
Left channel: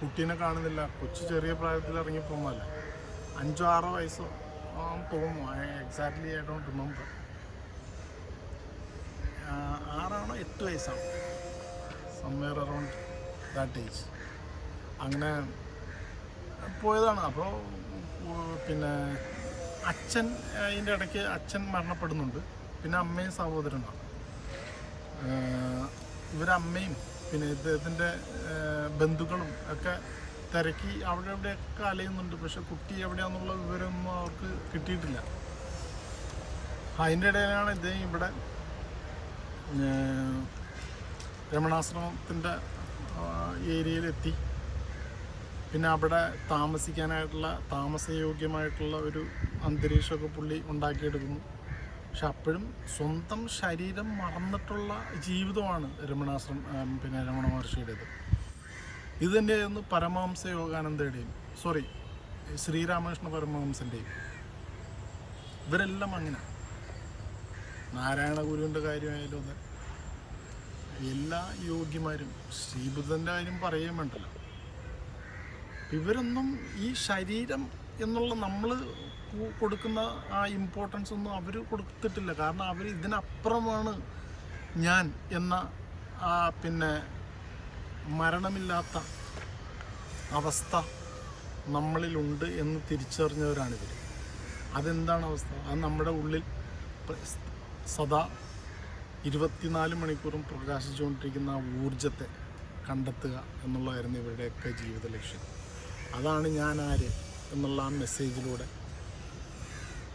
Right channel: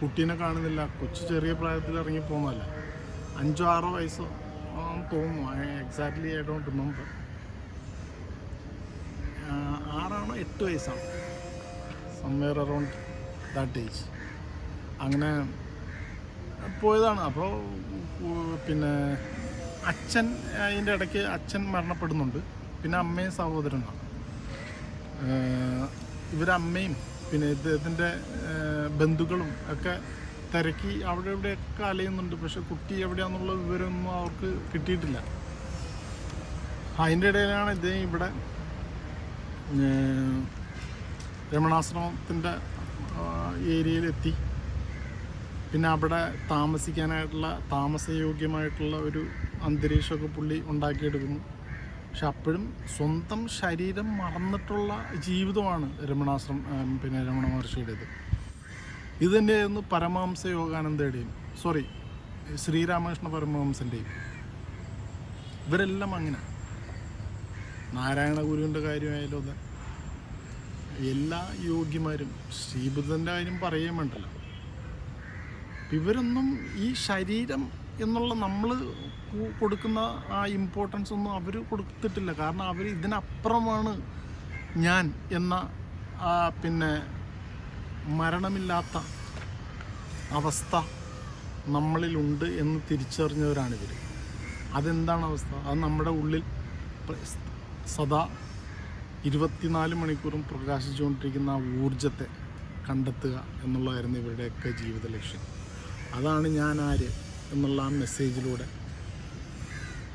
കുട്ടീനെ കാണുന്നില്ല, കൊച്ചു ചെറിയ പ്രായത്തിൽ ഇറങ്ങി പോകുന്നതല്ല. 5-6 വയസ്സോ ആണെന്ന് തോന്നുന്നു. Exactly I don't remember. 6 ആണോ 8 വയസ്സാണ്, സംവെയർ അറൗണ്ട് ദാറ്റ് ഏജ്. അങ്ങനെ പോയതാണ്. അപ്പോൾ പിന്നെ അച്ഛൻ അതിൻ്റെ ഇടയ്ക്ക് അച്ഛൻ മരണപ്പെടുന്നുണ്ട്. പിന്നെ അമ്മയും സഹോദരനാണ്. ഇവരമ്മയും പിന്നെ ഇദ്ദേഹത്തിൻ്റെ ബന്ധുക്കളും ഒക്കെ തിരക്കി അവിടെ ഇവിടെയൊക്കെ അലയുന്നുണ്ട്. പക്ഷെ കുട്ടി എവിടെയാണെന്നുള്ള വിവരമൊന്നും അവർക്ക് കിട്ടിയിട്ടില്ല. അതിൻ്റെ ഇടയിലാണ് ഇദ്ദേഹം ഇവിടെ രമണാശ്രമത്തിൻ്റെ ഏരിയയിലെത്തി. പിന്നെ അവിടെ താമസിക്കാനായിട്ടുള്ള താമസയോഗ്യമായിട്ടുള്ള ഒരു അന്തരീക്ഷമൊക്കെ പുള്ളി ഉണ്ടാക്കിയെടുക്കുന്നു. പക്ഷെ അപ്പോഴും സ്വന്തം ശരീരം മറന്നിട്ടുള്ള ജീവിതമാണ് രമണ മഹർഷിയുടേത്. ഇത് തന്നെയായിരുന്നു പരമഹംസ യോഗാനന്ദയുടെയും ശ്രീരാമകൃഷ്ണ പരമഹംസൻ്റെയും. ഇവരെല്ലാം അങ്ങനെ. നാരായണ ഗുരുവിൻ്റെ കാര്യമായാലും അതെ, എല്ലാ യോഗിമാരും, ശ്രീബുദ്ധൻ്റെ കാര്യം പറയുകയും വേണ്ടല്ലോ. ഇവരൊന്നും ഈ ശരീരം എന്നുള്ള നമ്മൾ കൊടുക്കുന്ന ആ ഇമ്പോർട്ടൻസ് ഒന്നും അവർ കൊടുത്തിട്ടില്ല. കാരണം അവർ ഇതിനപ്പുറമാണ് ഞാൻ എന്ന പിന്നെ മരണമില്ലാത്ത അവസ്ഥ നമ്മളിലുണ്ട് എന്ന് തിരിച്ചറിഞ്ഞവരാണിവർ. അതെന്താണ് അവസ്ഥ? അത് നമ്മുടെ ഉള്ളിൽ സദാ 24 മണിക്കൂറും പ്രകാശിച്ചുകൊണ്ടിരിക്കുന്ന ആ ഊർജത്തെ കണ്ടെത്തുക എന്നുള്ളതായിരുന്നു ഇവരുടെയൊക്കെ ജീവിത ലക്ഷ്യം. അതാണ് ഞാൻ ആര് എന്നുള്ള ആ മെസ്സേജിലൂടെ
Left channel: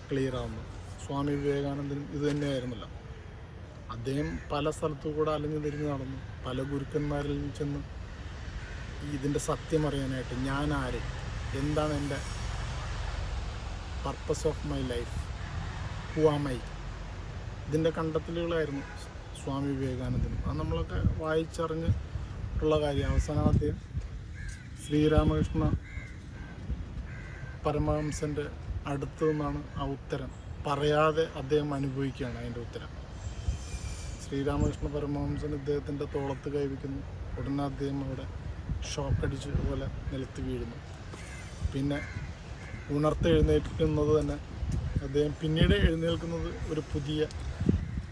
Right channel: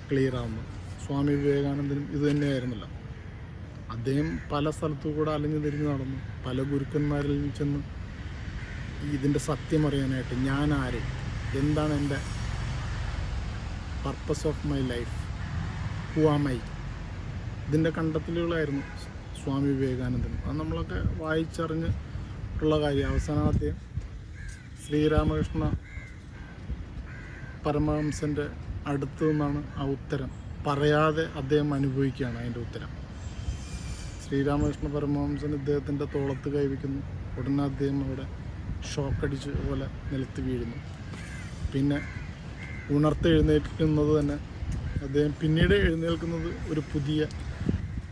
ക്ലിയർ ആവുന്നത്. സ്വാമി വിവേകാനന്ദനും ഇത് തന്നെയായിരുന്നല്ലോ. അദ്ദേഹം പല സ്ഥലത്തു കൂടെ അലഞ്ഞു തിരിഞ്ഞ് നടന്നു. പല ഗുരുക്കന്മാരിൽ ചെന്ന് ഇതിൻ്റെ സത്യം അറിയാനായിട്ട്, ഞാൻ ആര്, എന്താണ് എൻ്റെ purpose of my life, who am I, ഇതിൻ്റെ കണ്ടെത്തലുകളായിരുന്നു സ്വാമി വിവേകാനന്ദനും. അത് നമ്മളൊക്കെ വായിച്ചറിഞ്ഞ് ഉള്ള കാര്യം. അവസാനം അദ്ദേഹം ശ്രീരാമകൃഷ്ണ പരമഹംസൻ്റെ അടുത്തു നിന്നാണ് ആ ഉത്തരം പറയാതെ അദ്ദേഹം അനുഭവിക്കുകയാണ് അതിൻ്റെ ഉത്തരം. ശ്രീരാമകൃഷ്ണ പരമഹംസൻ ഇദ്ദേഹത്തിൻ്റെ തോളത്ത് കൈവയ്ക്കുന്നു. ഉടനെ അദ്ദേഹം അവിടെ ഷോക്കടിച്ച് പോലെ നിലത്ത് വീഴുന്നു. പിന്നെ ഉണർത്തെഴുന്നേൽക്കുന്നത് തന്നെ അദ്ദേഹം പിന്നീട് എഴുന്നേൽക്കുന്നത് ഒരു പുതിയ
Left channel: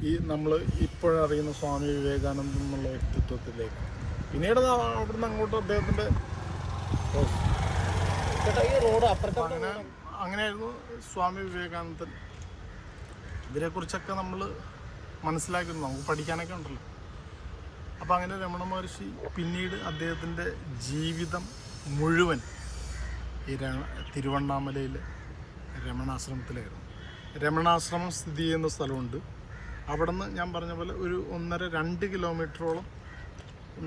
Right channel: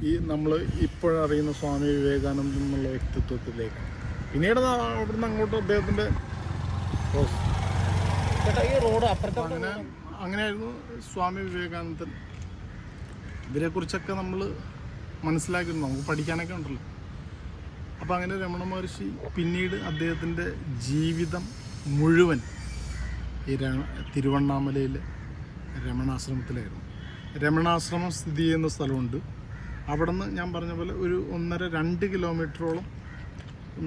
ഈ നമ്മൾ ഇപ്പോഴറിയുന്ന സ്വാമി വിവേകാനന്ദൻ എന്നുള്ള വ്യക്തിത്വത്തിലേക്ക്. പിന്നീട് അവിടുന്ന് അങ്ങോട്ട് അദ്ദേഹത്തിൻ്റെ അങ്ങനെയായിരുന്നു സ്വാമി വിവേകാനന്ദൻ. ഇവരെക്കുറിച്ചൊക്കെ നമ്മൾ മനസ്സിലാക്കുന്നു, നമുക്ക് പഠിക്കാനൊക്കെ ഉണ്ടല്ലോ. അപ്പോൾ അങ്ങനെ രമണ മഹർഷി പിന്നീട് അദ്ദേഹത്തിൻ്റെ ജീവിതം മുഴുവൻ ഈ തിരുവണ്ണാമലയിൽ രമണാശ്രമത്തിലായിരുന്നു. രമണാശ്രമം സ്ഥിതി ചെയ്യുന്ന സ്ഥലമുണ്ട്. അവിടെ നിന്ന് ഞാൻ പറഞ്ഞ പോലെ ഒരു 1.5-2 കിലോമീറ്ററോളം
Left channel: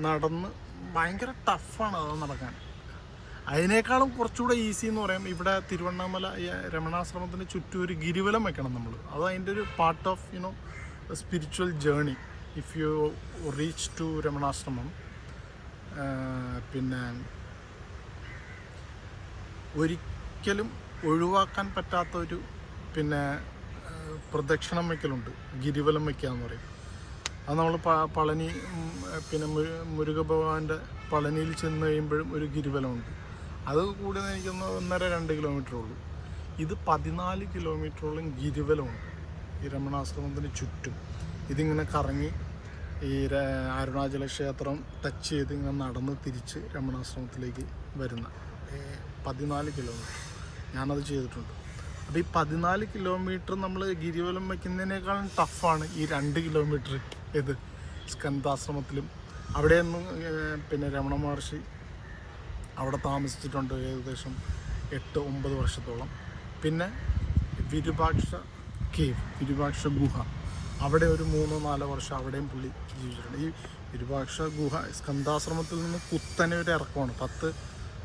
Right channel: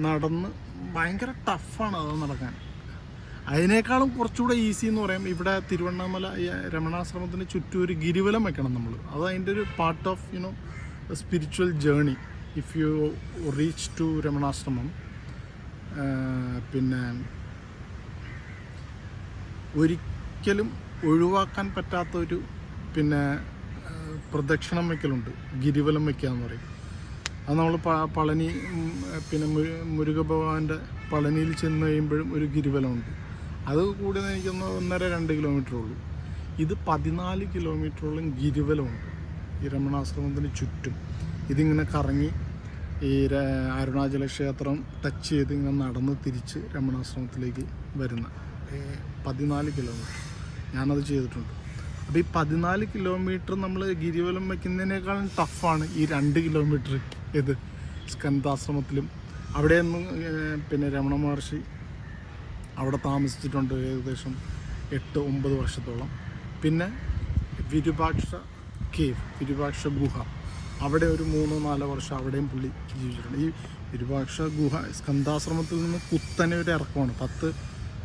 നടന്ന്, ഭയങ്കര ടഫാണ് അത് നടക്കാൻ. അതിനേക്കാളും കുറച്ചുകൂടെ ഈസി എന്ന് പറയാം. ഇവിടെ തിരുവണ്ണാമല രമണാശ്രമത്തിന് ചുറ്റും ഒരു ഗിരിവലം വെക്കണം നമ്മൾ. അത് അതിൻ്റെ ഒരു part of spiritual journey if you reach to Ramanashramam. പിന്നെ ഒരിക്കലും ഒഴിവാക്കാൻ പറ്റാത്തൊരു പിന്നെ പ്രദക്ഷിണം വയ്ക്കലുണ്ട്, ഗിരിവലം വയ്ക്കുക എന്ന് പറയും. അത് നമ്മൾ പളനി പിന്നെ മുരുക ഭഗവാന്റെ പളനിയിൽ ചെന്ന് കഴിയുമ്പോഴും ഒരു ഗിരിവലമുണ്ട്. അത് കൂടുതൽ എനിക്കൊന്ന് 1.5-2 കിലോമീറ്റർ ഉള്ളൂ. ഇത് 14 കിലോമീറ്ററോളം ഗിരിവലമുണ്ട് ഈ രമണാശ്രമത്തിന് ചുറ്റും. ഇതിങ്ങനെ കറങ്ങി ഈ അരുണാചല ക്ഷേത്രം ടച്ച് ചെയ്ത് ഇങ്ങനെ നടന്ന് തിരിച്ച് രമണാശ്രമത്തിലേക്ക് വരുന്ന 14 കിലോമീറ്റർ ഞാനത് ചെയ്തിട്ടുണ്ട്. അപ്പോൾ ഈ 14 കിലോമീറ്റർ നമ്മൾ ഗിരിവലം വയ്ക്കുന്നതിനേക്കാളും ടഫാണ് ഈ 2 കിലോമീറ്റർ ഇത് സ്കന്ദാശ്രമത്തിലും. അവിടെയൊന്നും പിന്നെ രമണ മഹർഷി അവിടെ താമസിച്ചിട്ടുണ്ട് ഏകദേശം 8-9 വർഷത്തോളം. പിന്നെ വിരൂപാക്ഷ ഗുഹ, അവിടെ ഒരു 3-4 വർഷം അവിടെയും പുള്ളി ജീവിച്ചിട്ടുണ്ട്. ഈ വിരൂപാക്ഷ ഗുഹ സ്കന്ദാശ്രമത്തിൽ നിന്ന് കുത്തനെ ഒരു ഇറക്കമാണ്.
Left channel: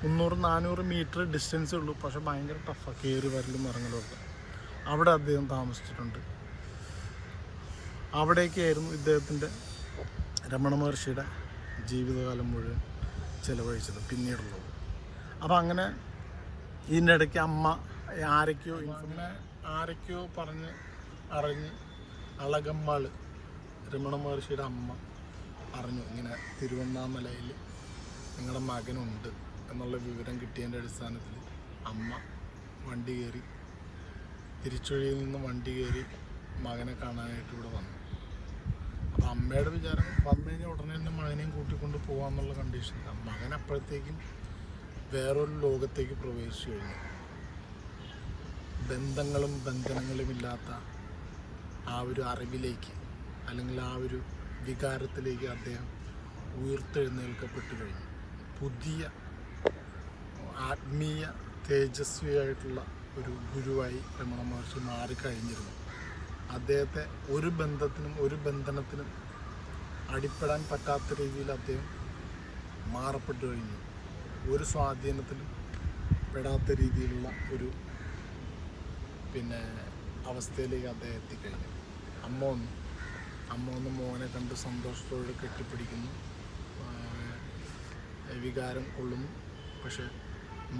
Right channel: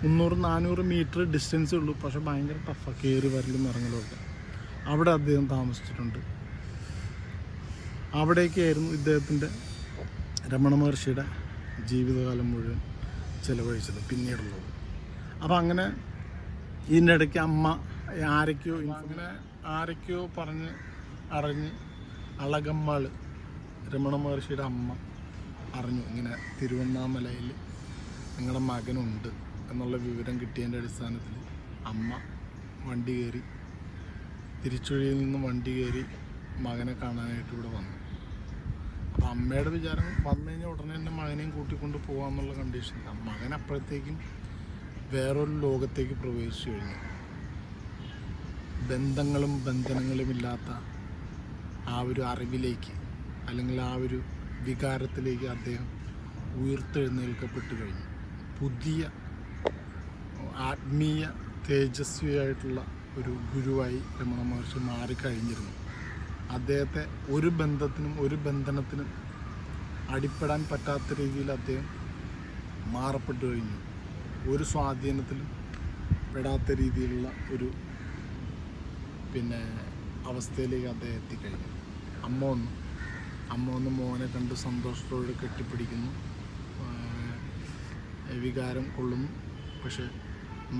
300-400 മീറ്റർ ഡിസ്റ്റൻസേ ഉള്ളൂ. പക്ഷെ ഭയങ്കര ടഫാണ് കയറി വരലും ഇറങ്ങലും ഒക്കെ. അവിടെ അദ്ദേഹം താമസിച്ചിട്ടുണ്ട്. അവിടേക്കായിരുന്നു ഇദ്ദേഹത്തിൻ്റെ രമണ മഹർഷിയുടെ ജീവിതകാലം മുഴുവൻ ചിലവഴിച്ചത് പിന്നീടുള്ളത്. അപ്പോൾ അങ്ങനെ ഇതിൻ്റെ ഇടയ്ക്ക് അമ്മ ആരൊക്കെയോ പറഞ്ഞ് അറിഞ്ഞ് അളകമ്മാൾ രമണ മഹർഷിയുടെ അമ്മ അറിഞ്ഞു, ഇങ്ങനെ തിരുവണ്ണാമലയിൽ നിങ്ങളുടെ മകനുണ്ട് എന്നുള്ള വിവരം കിട്ടിയതിൻ്റെ അടിസ്ഥാനത്തിൽ അമ്മ വണ്ടി കയറി, തിരിച്ചുവഴിയിൽ നിന്ന് വണ്ടി കയറി മകനെ കാണാനായിട്ട് ഇവിടെ വന്നു. അപ്പം അമ്മയുടെ വിചാരം വന്നു കഴിഞ്ഞാൽ ഉടനെ തന്നെ മകനെയും കൂട്ടിക്കൊണ്ട് പോകാമെന്നുള്ള കണ്ടീഷനിലാണ്. മകൻ അപ്പോഴത്തേക്കും വേറൊരു ലോകത്തേക്ക് പ്രവേശിച്ചു കഴിഞ്ഞു. ബന്ധങ്ങളും ബന്ധനങ്ങളും ഇല്ലാത്ത ആ ഒരു അറിവിലേക്ക് അല്ലെങ്കിൽ ആ ഒരു വികാരത്തിലേക്ക് അദ്ദേഹം ഉയർത്തെഴുന്നേൽക്കപ്പെട്ട് കഴിഞ്ഞു. പുതിയ ആത്മീയ തേജസ്വിയായിട്ടുള്ള ഒരു ഗുരുവായി രമണ മഹർഷി മാറിക്കഴിഞ്ഞിരുന്നു. അദ്ദേഹത്തെ ഒരു ബന്ധത്തിനും ഒരു ബന്ധനത്തിനും അടിപ്പെടാൻ പറ്റാത്ത രീതിയിൽ അദ്ദേഹം മാറപ്പെട്ടു കഴിഞ്ഞു. ഒരു സ്വാധീനത്തിലും പെടാത്ത രീതിയിലുള്ള ഒരു അവസ്ഥയിലേക്ക് അദ്ദേഹം എത്തിക്കഴിഞ്ഞു. അമ്മ ഒന്ന് മോനെ കണ്ട് സന്തോഷത്തോടെ കെട്ടിപ്പിടിക്കുന്നു, വികാരം കൊള്ളുന്നു. പക്ഷെ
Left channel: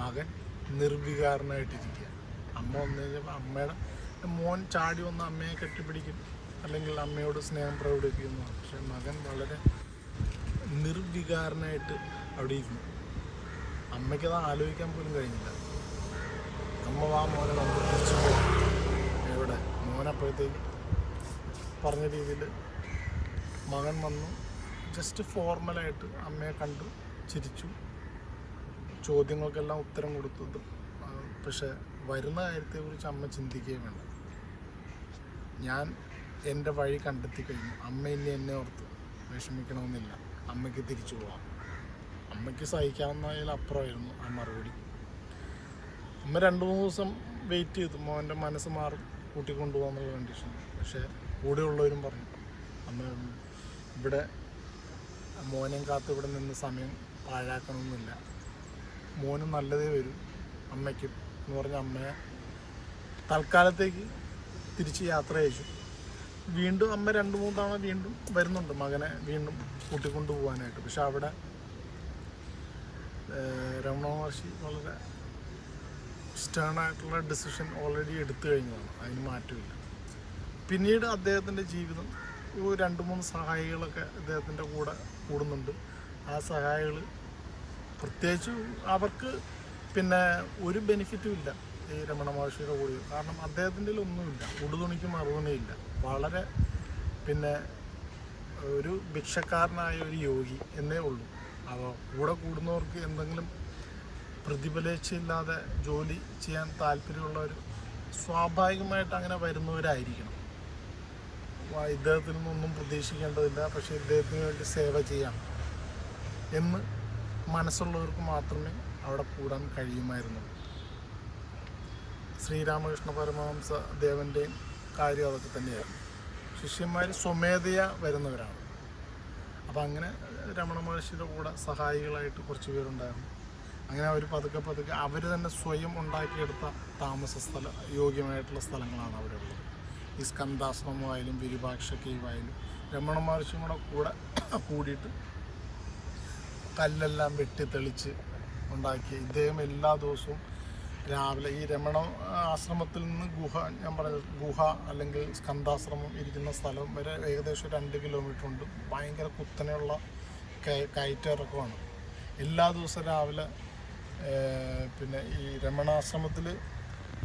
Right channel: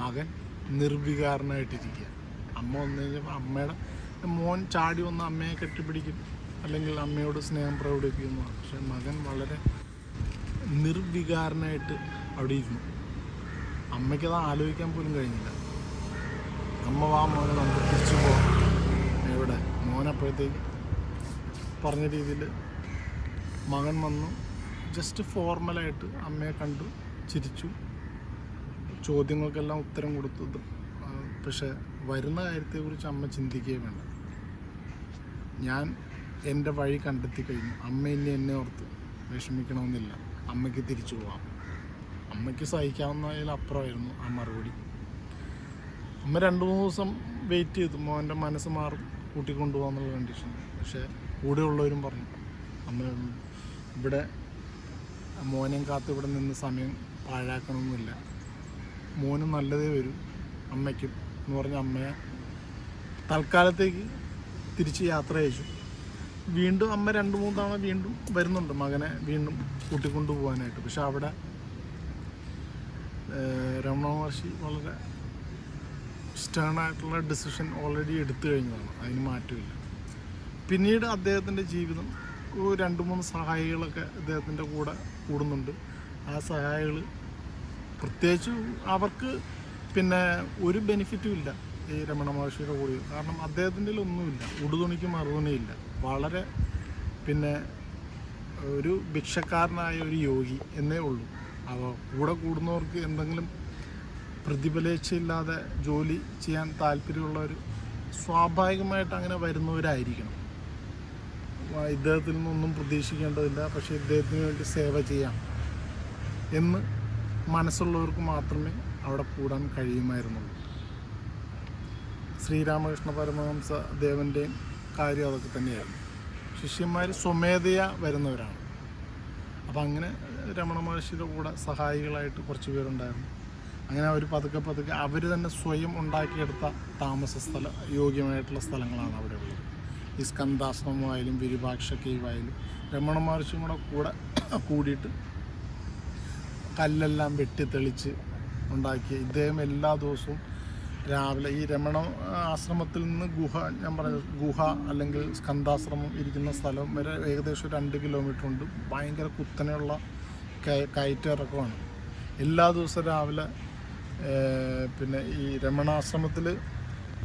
മകൻ നിർവികാരനായിട്ടിരിക്കുക. അമ്മ വന്നു കഴിഞ്ഞപ്പോൾ അമ്മയുടെ മോൻ ചാടി വന്ന് അമ്മയെ കെട്ടിപ്പിടിക്കും, അല്ലെങ്കിൽ അമ്മയോട് സ്നേഹം പ്രകടിപ്പിക്കുന്നു. പക്ഷെ മകൻ വളരെ നിർവികാരനായിട്ട് അവിടെ ഇരുന്നു. അമ്മയ്ക്കത് ആലോചിക്കാൻ പോലും കഴിഞ്ഞില്ല. അമ്മ വാ മോനെ നമുക്ക് തിരിച്ചു പോകാം. എവിടെ മോനപ്പോഴത്തേക്ക് പറഞ്ഞ രീതിയിൽ മകൻ വന്നു. ജസ്റ്റ് ഫോർമലായിട്ട് അമ്മയെ കണ്ടു, ചിരിച്ചു, ചോദ്യങ്ങൾക്കെല്ലാം ഉത്തരം കൊടുത്തത്. പക്ഷെ വരുന്ന കാര്യത്തെക്കുറിച്ച് അമ്മ ചിന്തിക്കുകയും വേണ്ട. ഞാൻ എൻ്റെ വഴി കണ്ടെത്തി കഴിഞ്ഞു. അമ്മ ഇനി എന്നെ ഓർത്ത് വിഷമിക്കണമെന്നില്ല, അമ്മയ്ക്ക് തിരിച്ചു പോവാം. അമ്മയ്ക്ക് സഹിക്കാവുന്നതിലപ്പുറമായിരുന്നു ആ മറുപടി. അമ്മ 2-3 ദിവസം വെയിറ്റ് ചെയ്തു, മോൻ്റെ മനസ്സ് മാറും, കൂട്ടിക്കൊണ്ടുപോകാന്നുള്ള കണ്ടീഷനിൽ. പക്ഷേ കൂടെയുള്ളവരും പറഞ്ഞു, അമ്മ ഇവിടെ മോനെയും കാത്ത് ഇവിടെ നിന്ന് സമയം പാഴാക്കണമെന്നില്ല, മോനും നല്ലതേ വരും അമ്മയ്ക്കും എന്ന് പറഞ്ഞ അമ്മയെ തൽക്കാലത്തേക്ക് തിരിച്ച് യാത്ര അയച്ചു. വീണ്ടും അമ്മ 2-3 തവണ വീണ്ടും വരുന്നുണ്ട് മകനെ വീണ്ടും കൂട്ടിക്കൊണ്ടു പോകാനായിട്ട്. പക്ഷെ അവിടെ രമണ മഹർഷി വളരെ സ്റ്റേണായിട്ടുള്ള ഡിസിഷൻ ഓൾറെഡി എടുത്തു കഴിഞ്ഞതാണ്, അതിന് മാറ്റമില്ല. പിന്നീട് അദ്ദേഹത്തിൻ്റെ ജീവിതം 2-3 സഹായികളൊക്കെ അദ്ദേഹത്തിൻ്റെ കൂടെ കൂടുന്നുണ്ട്. ആ സഹായികൾ പ്രത്യേകിച്ച് അവർക്ക് ഒരു ബെനിഫിറ്റും ഇല്ല ഈ രമണ മഹർഷിയുടെ കൂടെ. കാരണം അദ്ദേഹത്തിൻ്റെ ഒന്നുമില്ല, ഉടുതുണിക്ക് മറുതുണിയില്ല. വളരെ ഒരു ഭിക്ഷക്കാരനായ ഒരു യോഗി എന്നേ ഉള്ളൂ. അപ്പോൾ കൂടെ കൂടുന്നവർക്ക് എന്തെങ്കിലും പ്രതിഫലേച്ഛയില്ലാതെ ജോലി ചെയ്യാൻ താല്പര്യമുള്ളവർ സ്വാഭാവികമായിട്ട് അങ്ങനെ വരുന്നവരായിരിക്കണം. ഇദ്ദേഹത്തിൽ നിന്നൊന്നും പ്രതീക്ഷിക്കേണ്ടതില്ല, പക്ഷേ ഇദ്ദേഹത്തിന് വേണ്ടി സേവ ചെയ്യാം എന്ന് മനസ്സുള്ളവർക്ക് മാത്രമേ അവിടെ കൂടാൻ കഴിയുമായിരുന്നുള്ളൂ. ശ്രീരാമകൃഷ്ണ പരമഹംസ ദേവൻ്റെയും കാര്യം അതൊക്കെ തന്നെയായിരുന്നു. ശിഷ്യന്മാർ സ്വമേധയാ വരുന്നവരാണ്. അപ്പം അങ്ങനെ രമണ മഹർഷിയുടെ കൂടെ സഹായികളായിട്ട് കുറച്ച് പേരുണ്ടായിരുന്നു. അങ്ങനെ അവർ പതുക്കെ അവർ തന്നെ സ്വയം ഉണ്ടാക്കിയെടുത്ത താമസ യോഗ്യമായിട്ടുള്ള സ്ഥലങ്ങളാണ് അവിടെ ഉള്ളത്. ഈ സ്കന്ധാശ്രമമായാലും വിരൂപാക്ഷ കേവായാലും രമണ മഹർഷിയും കൂടെ കൂടിയിട്ട് കല്ലെല്ലാം വെട്ടിത്തെളിച്ച് ഉണ്ടാക്കിയ ഇദ്ദേഹം എല്ലാ ദിവസവും രാവിലെ ഈ രമണ ആശ്രമത്തിൽ നിന്ന് ഗുഹ അല്ലെങ്കിൽ സ്കന്ധാശ്രമം ഇരിക്കുന്ന സ്ഥലം വരെ ഏകദേശം 2 കിലോമീറ്റർ ഉണ്ട്. ഭയങ്കര കുത്തനെയുള്ള കയറ്റിറക്കമാണ്. എല്ലാ ദിവസവും രാവിലെ ഈ രമണാശ്രമത്തിൽ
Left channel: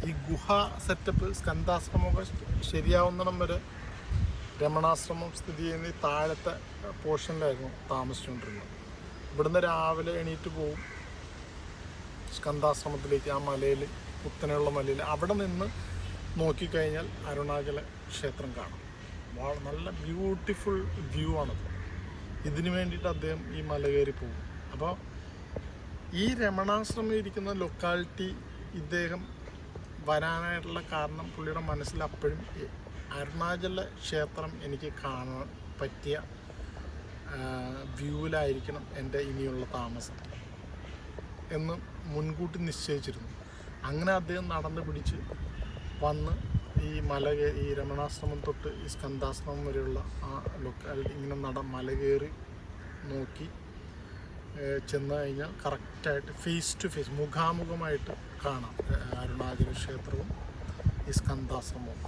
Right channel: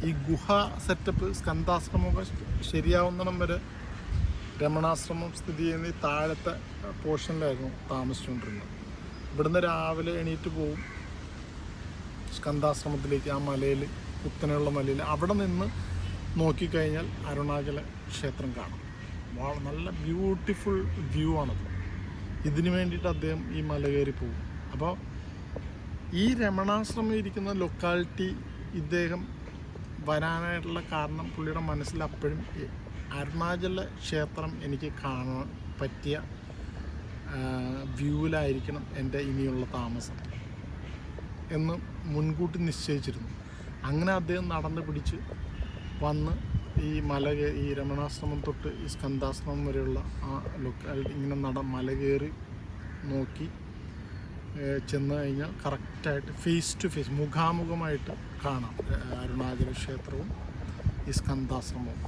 ഈ ഗുഹ സെറ്റപ്പ് സ്കന്ധാശ്രമങ്ങൾ ശരിയാവുന്നിടം വരെ രമണാശ്രമം സ്ഥിതി ചെയ്യുന്ന ഈ താഴത്തെ പോർഷനിലായിരുന്നു താമസിച്ചുകൊണ്ടിരുന്നത്. ഇവിടുന്ന് രാവിലെ എണീറ്റ് പോകും സ്കന്ധാശ്രമത്തിലേക്ക്, ആ മലയിൽ, കുത്തനെയുള്ള മലയിൽ. അവിടെ നിന്ന് നോക്കിക്കഴിഞ്ഞാൽ അരുണാചല ക്ഷേത്രം കാണാം. നല്ല ബ്യൂട്ടിഫുൾ വ്യൂ ആണ്. ഇതിനു വേണ്ടിയിട്ട് അദ്ദേഹം ഈ മല കയറി പോകും. അപ്പോൾ ഈ രമണാശ്രമം ഇരിക്കുന്ന ലൊക്കാലിറ്റി ഇദ്ദേഹം വരാനായിട്ടുള്ള കാരണം പുള്ളിയുടെ മനസ്സിൽ അപ്പോഴും അരുണാചല ക്ഷേത്രം എനിക്ക് കാണാൻ പറ്റിയ വ്യൂവിലായിരിക്കണം എൻ്റെ ഇനിയുള്ള താമസം എന്ന് മുൻകൂട്ടി നിശ്ചയിച്ചിരുന്നു. അങ്ങനെ അദ്ദേഹം നടന്ന് പിടിച്ച് വന്ന് ഈ രമണാശ്രമം തൊട്ട് ഈ സ്കന്ധാശ്രമം വരെയുള്ള ആ ലൊക്കാലിറ്റി ഇങ്ങനെ മല കയറി നോക്കി ചെന്ന് കഴിഞ്ഞാൽ കറക്റ്റായിട്ട് ഫേസ് ടു ഫേസ് മുഖാമുഖമായിട്ട് കാണാം അരുണാചല ക്ഷേത്രവും ഈ സ്കന്ധാശ്രമവും.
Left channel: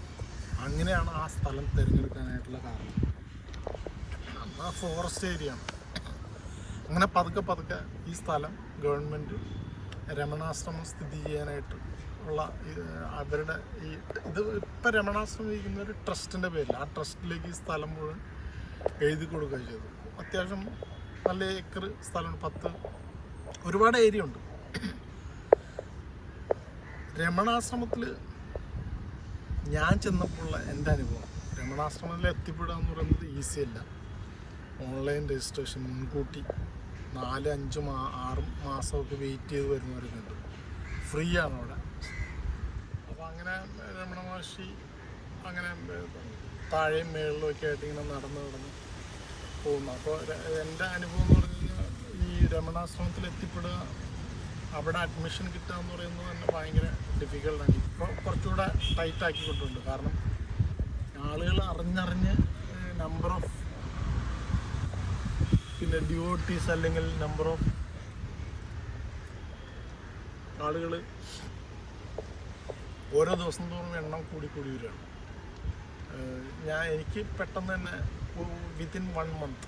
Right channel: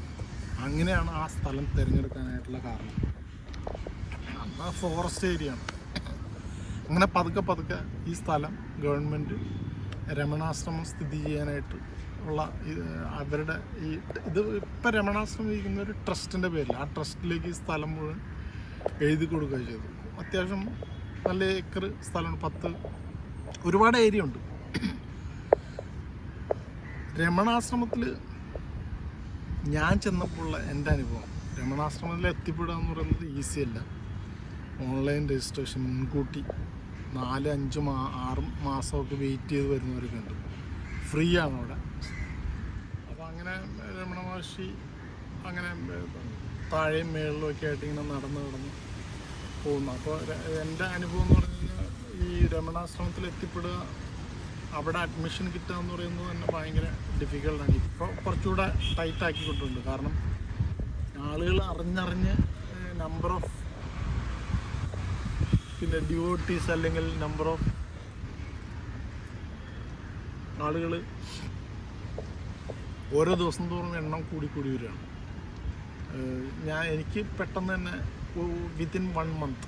അങ്ങനെയാണ് ആ സ്ഥലം തിരഞ്ഞെടുക്കാനായിട്ടുള്ള കാരണം. ആ ഫോറസ്റ്റ് ഏരിയ ആണ്. അങ്ങനെ പതുക്കെ ഈ സ്ഥലം ഗവൺമെൻറ് രമണാശ്രമം സ്ഥിതി ചെയ്യാനായിട്ട് ഉള്ള അവരുടെ ഇത് ഇപ്പം രമണാശ്രമം ഇരിക്കുന്ന ഒരു ട്രസ്റ്റിൻ്റെ പേരിൽ ആ ട്രസ്റ്റിലേക്ക് ഈ സ്ഥലം മുഴുവൻ എഴുതി കൊടുക്കുക ചെയ്തു. അത്യാവശ്യം നല്ല ഏക്കർ സ്ഥലമാണ്, ഒരുപാട് ഏരിയ ഉണ്ട്. രമണാശ്രമത്തിൽ ഞാൻ ചെന്നപ്പോഴുള്ള എൻ്റെ അനുഭവം, രമണാശ്രമത്തിൽ എത്തിപ്പെടുക എന്ന് പറയുന്നത് ഈസി അല്ല. ഓൺലൈൻ രജിസ്ട്രേഷൻ മുൻകൂട്ടി 4-5-6 മാസമൊക്കെ വെയിറ്റ് ചെയ്ത് വരുന്നവരൊക്കെ ഉണ്ട്. ഫ്രീ ആണ് അവിടെ. അപ്പോൾ അങ്ങനെ രമണ മഹർഷി അങ്ങനെ താഴെയും മേളിലും ഒക്കെ ആയിട്ട് ഇങ്ങനെ നടന്ന് പോകുന്നു. അപ്പോൾ എൻ്റെ അനുഭവം എന്ന് പറയുന്നത് ഈ രമണാശ്രമത്തിൽ എത്തിപ്പെടുക, അവിടെ അഡ്മിഷൻ കിട്ടുക എന്ന് പറയുന്നത് തന്നെ ഭയങ്കര ഡിഫിക്കൽട്ടാണ്. ഇപ്പോൾ കുറച്ചുകൂടെ ടൈറ്റ് ആക്കിക്കൊണ്ടുണ്ട്. കാരണം ആളുകൾ അറിഞ്ഞറിഞ്ഞ് നമ്പർ ഓഫ് പിന്നെ ഡിവോട്ടീസ് അല്ലെങ്കിൽ നമ്പർ ഓഫ് ആളുകൾ ഓരോ ദിവസം തോറും എണ്ണം കൂടി വരികയാണ്. എനിക്ക് പെട്ടെന്ന് തന്നെ വിത്തിൻ 1 month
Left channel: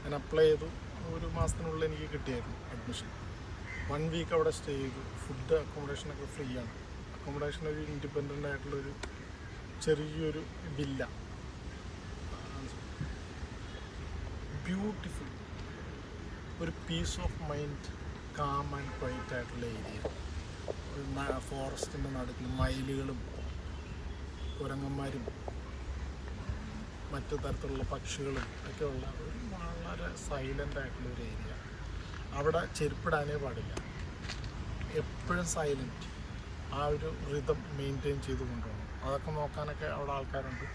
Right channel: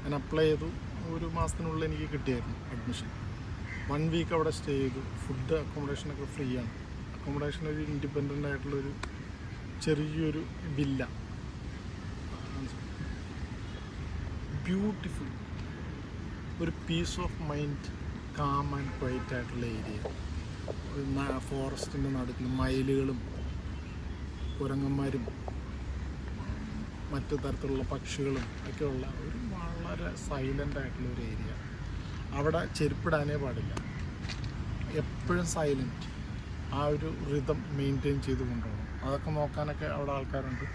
ഞാൻ അപ്ലൈ ചെയ്തു. 1 മാസത്തിനുള്ളിൽ എനിക്ക് കിട്ടിയായിരുന്നു അഡ്മിഷൻ. 1 വീക്ക് അവിടെ സ്റ്റേ ചെയ്തു. ഫുഡ് അക്കോമഡേഷനൊക്കെ ഫ്രീ ആണ്. അക്കോമഡേഷൻ ഒരു ഇൻഡിപെൻഡൻ്റ് ആയിട്ടുള്ളൊരു ചെറിയൊരു വില്ല, ബ്യൂട്ടിഫുൾ, ഒരു peace of mind, calm and quiet ആയിട്ടുള്ള ഏരിയ. ഫോറസ്റ്റിൻ്റെ നടുക്കിൽ മയിലുകളും കുരങ്ങന്മാരും മറ്റു തരത്തിലുള്ള പക്ഷികളും ഒക്കെ ഉള്ള ഒരു വളരെ സൈലൻ്റ് ആയിട്ടുള്ള ഒരു ഏരിയ. അവിടെ ചെരുപ്പിടാനേ പാടില്ല, എപ്പോഴും സൈലൻറ്റ്. ആ ഒരു റിതം മെയിൻറ്റെയിൻ ചെയ്ത് കൊണ്ടുപോകണം. അതൊക്കെ നോക്കാനൊക്കെ അവിടെ ആൾക്കാരുണ്ട്.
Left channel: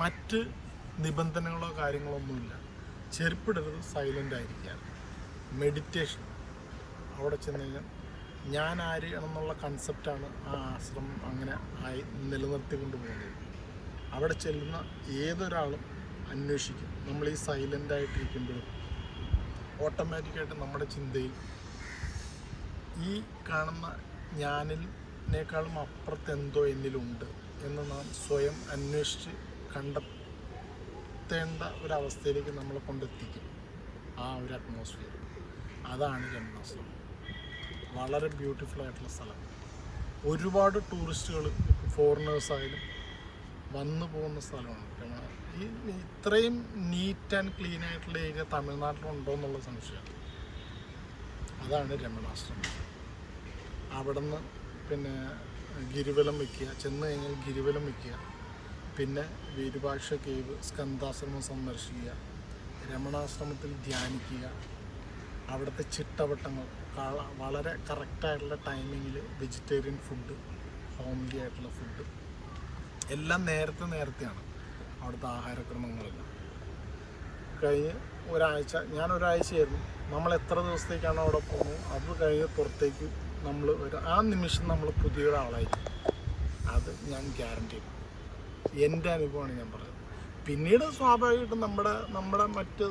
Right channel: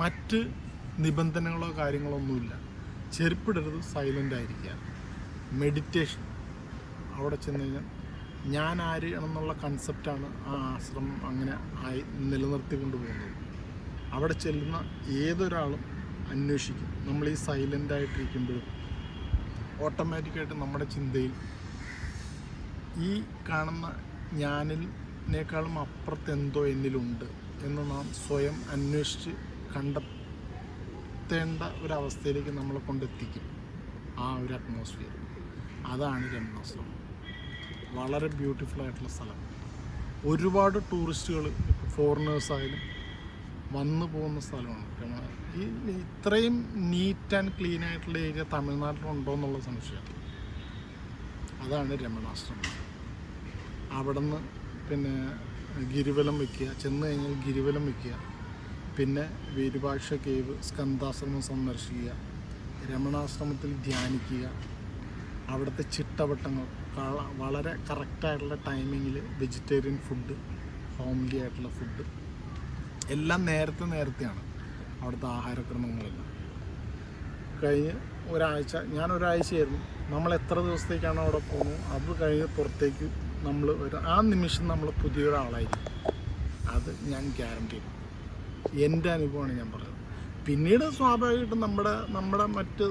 മറ്റ് നിബന്ധനകളോ കാര്യങ്ങളോ ഒന്നുമില്ല. ചെരുപ്പിടരുത്, സൈലൻ്റ് ആയിരിക്കുക. മെഡിറ്റേഷൻ. അവിടെ ചെന്ന് കഴിഞ്ഞാൽ ഞാൻ ആര് എന്നുള്ള കൺസെപ്റ്റാണ് ആ ആശ്രമം അങ്ങനെ ആയി നിലനിർത്തിക്കൊണ്ട് പോകുന്നത്. അവിടെ ചെല്ലുന്ന ഏതൊരാളും അന്വേഷിക്കും. നമ്മൾ ഈ സൈലൻ്റ് ആയിട്ടിരിക്കുമ്പോഴും ഓട്ടോമാറ്റിക്കായിട്ട് നമ്മുടെ ചിന്തയിൽ ഈ കാണുന്ന ഞാനിനേക്കാളും അപ്പുറത്ത് എന്തോ എന്നിലുണ്ട് എന്ന് നാം സ്വയം അന്വേഷിച്ച് കണ്ടെത്തേണ്ട ഒരവസ്ഥയിലേക്ക് നമ്മളെ കൊണ്ടെത്തിക്കും ആ ഒരു അറ്റ്മോസ്ഫിയർ. അതാണ് രമണാശ്രമം. വളരെ ബ്യൂട്ടിഫുൾ ആയിട്ടുള്ള സ്ഥലം. ഒരുപാട് ടൂറിസ്റ്റുകൾ, ഫോറിനേഴ്സായാലും വന്നു പോകുന്ന സ്ഥലമാണ്. ഈ ഇത്രയും നീറ്റ് ആൻഡ് ക്ലീൻ ആയിട്ടുള്ള ഏരിയ തമിഴ്നാട്ടിലുണ്ടോ എന്നുള്ള സംശയമാണ്. അതാണ് രമണാശ്രമം. അവിടെ നിന്ന് പിന്നെ ഗിരിവലം വയ്ക്കുക, ചെന്ന് കഴിഞ്ഞാൽ ഗിരിവലം വയ്ക്കുക, പിന്നെ വിരൂപാക്ഷ കേവ്, സ്കന്ധാശ്രമം സന്ദർശിക്കുക, രമണാശ്രമത്തിൽ ധ്യാനിക്കുക, അവിടുത്തെ ചിട്ടവട്ടങ്ങൾ, വളരെ കറക്റ്റായിട്ടുള്ള ടൈമിങ്ങിൽ വെജിറ്റേറിയൻ ഫുഡ്, ഹോംലി ആയിട്ടുള്ള ഫുഡ് എല്ലാം നേരത്തെയാണ് അവിടുത്തെ ആഹാരക്രമങ്ങളെല്ലാം. കഴിഞ്ഞ് ഞാൻ ഒരാഴ്ചയായിരുന്നു. നമ്മൾ എത്ര ദിവസത്തേക്കാണോ അവിടെ പോകുന്നത് അത് കഴിഞ്ഞ് പുറത്തേക്ക് നമ്മൾ ആ നിമിഷം നമ്മൾ പുതിയൊരാളായിരിക്കും. അത് ഞാൻ ഗ്യാരണ്ടി ചെയ്യും. എൻ്റെ അനുഭവമാണ് ഞാൻ പറയുന്നത്. പിന്നീട് സ്വാഭാവികമായിട്ടും നമ്മുടെ മറ്റ്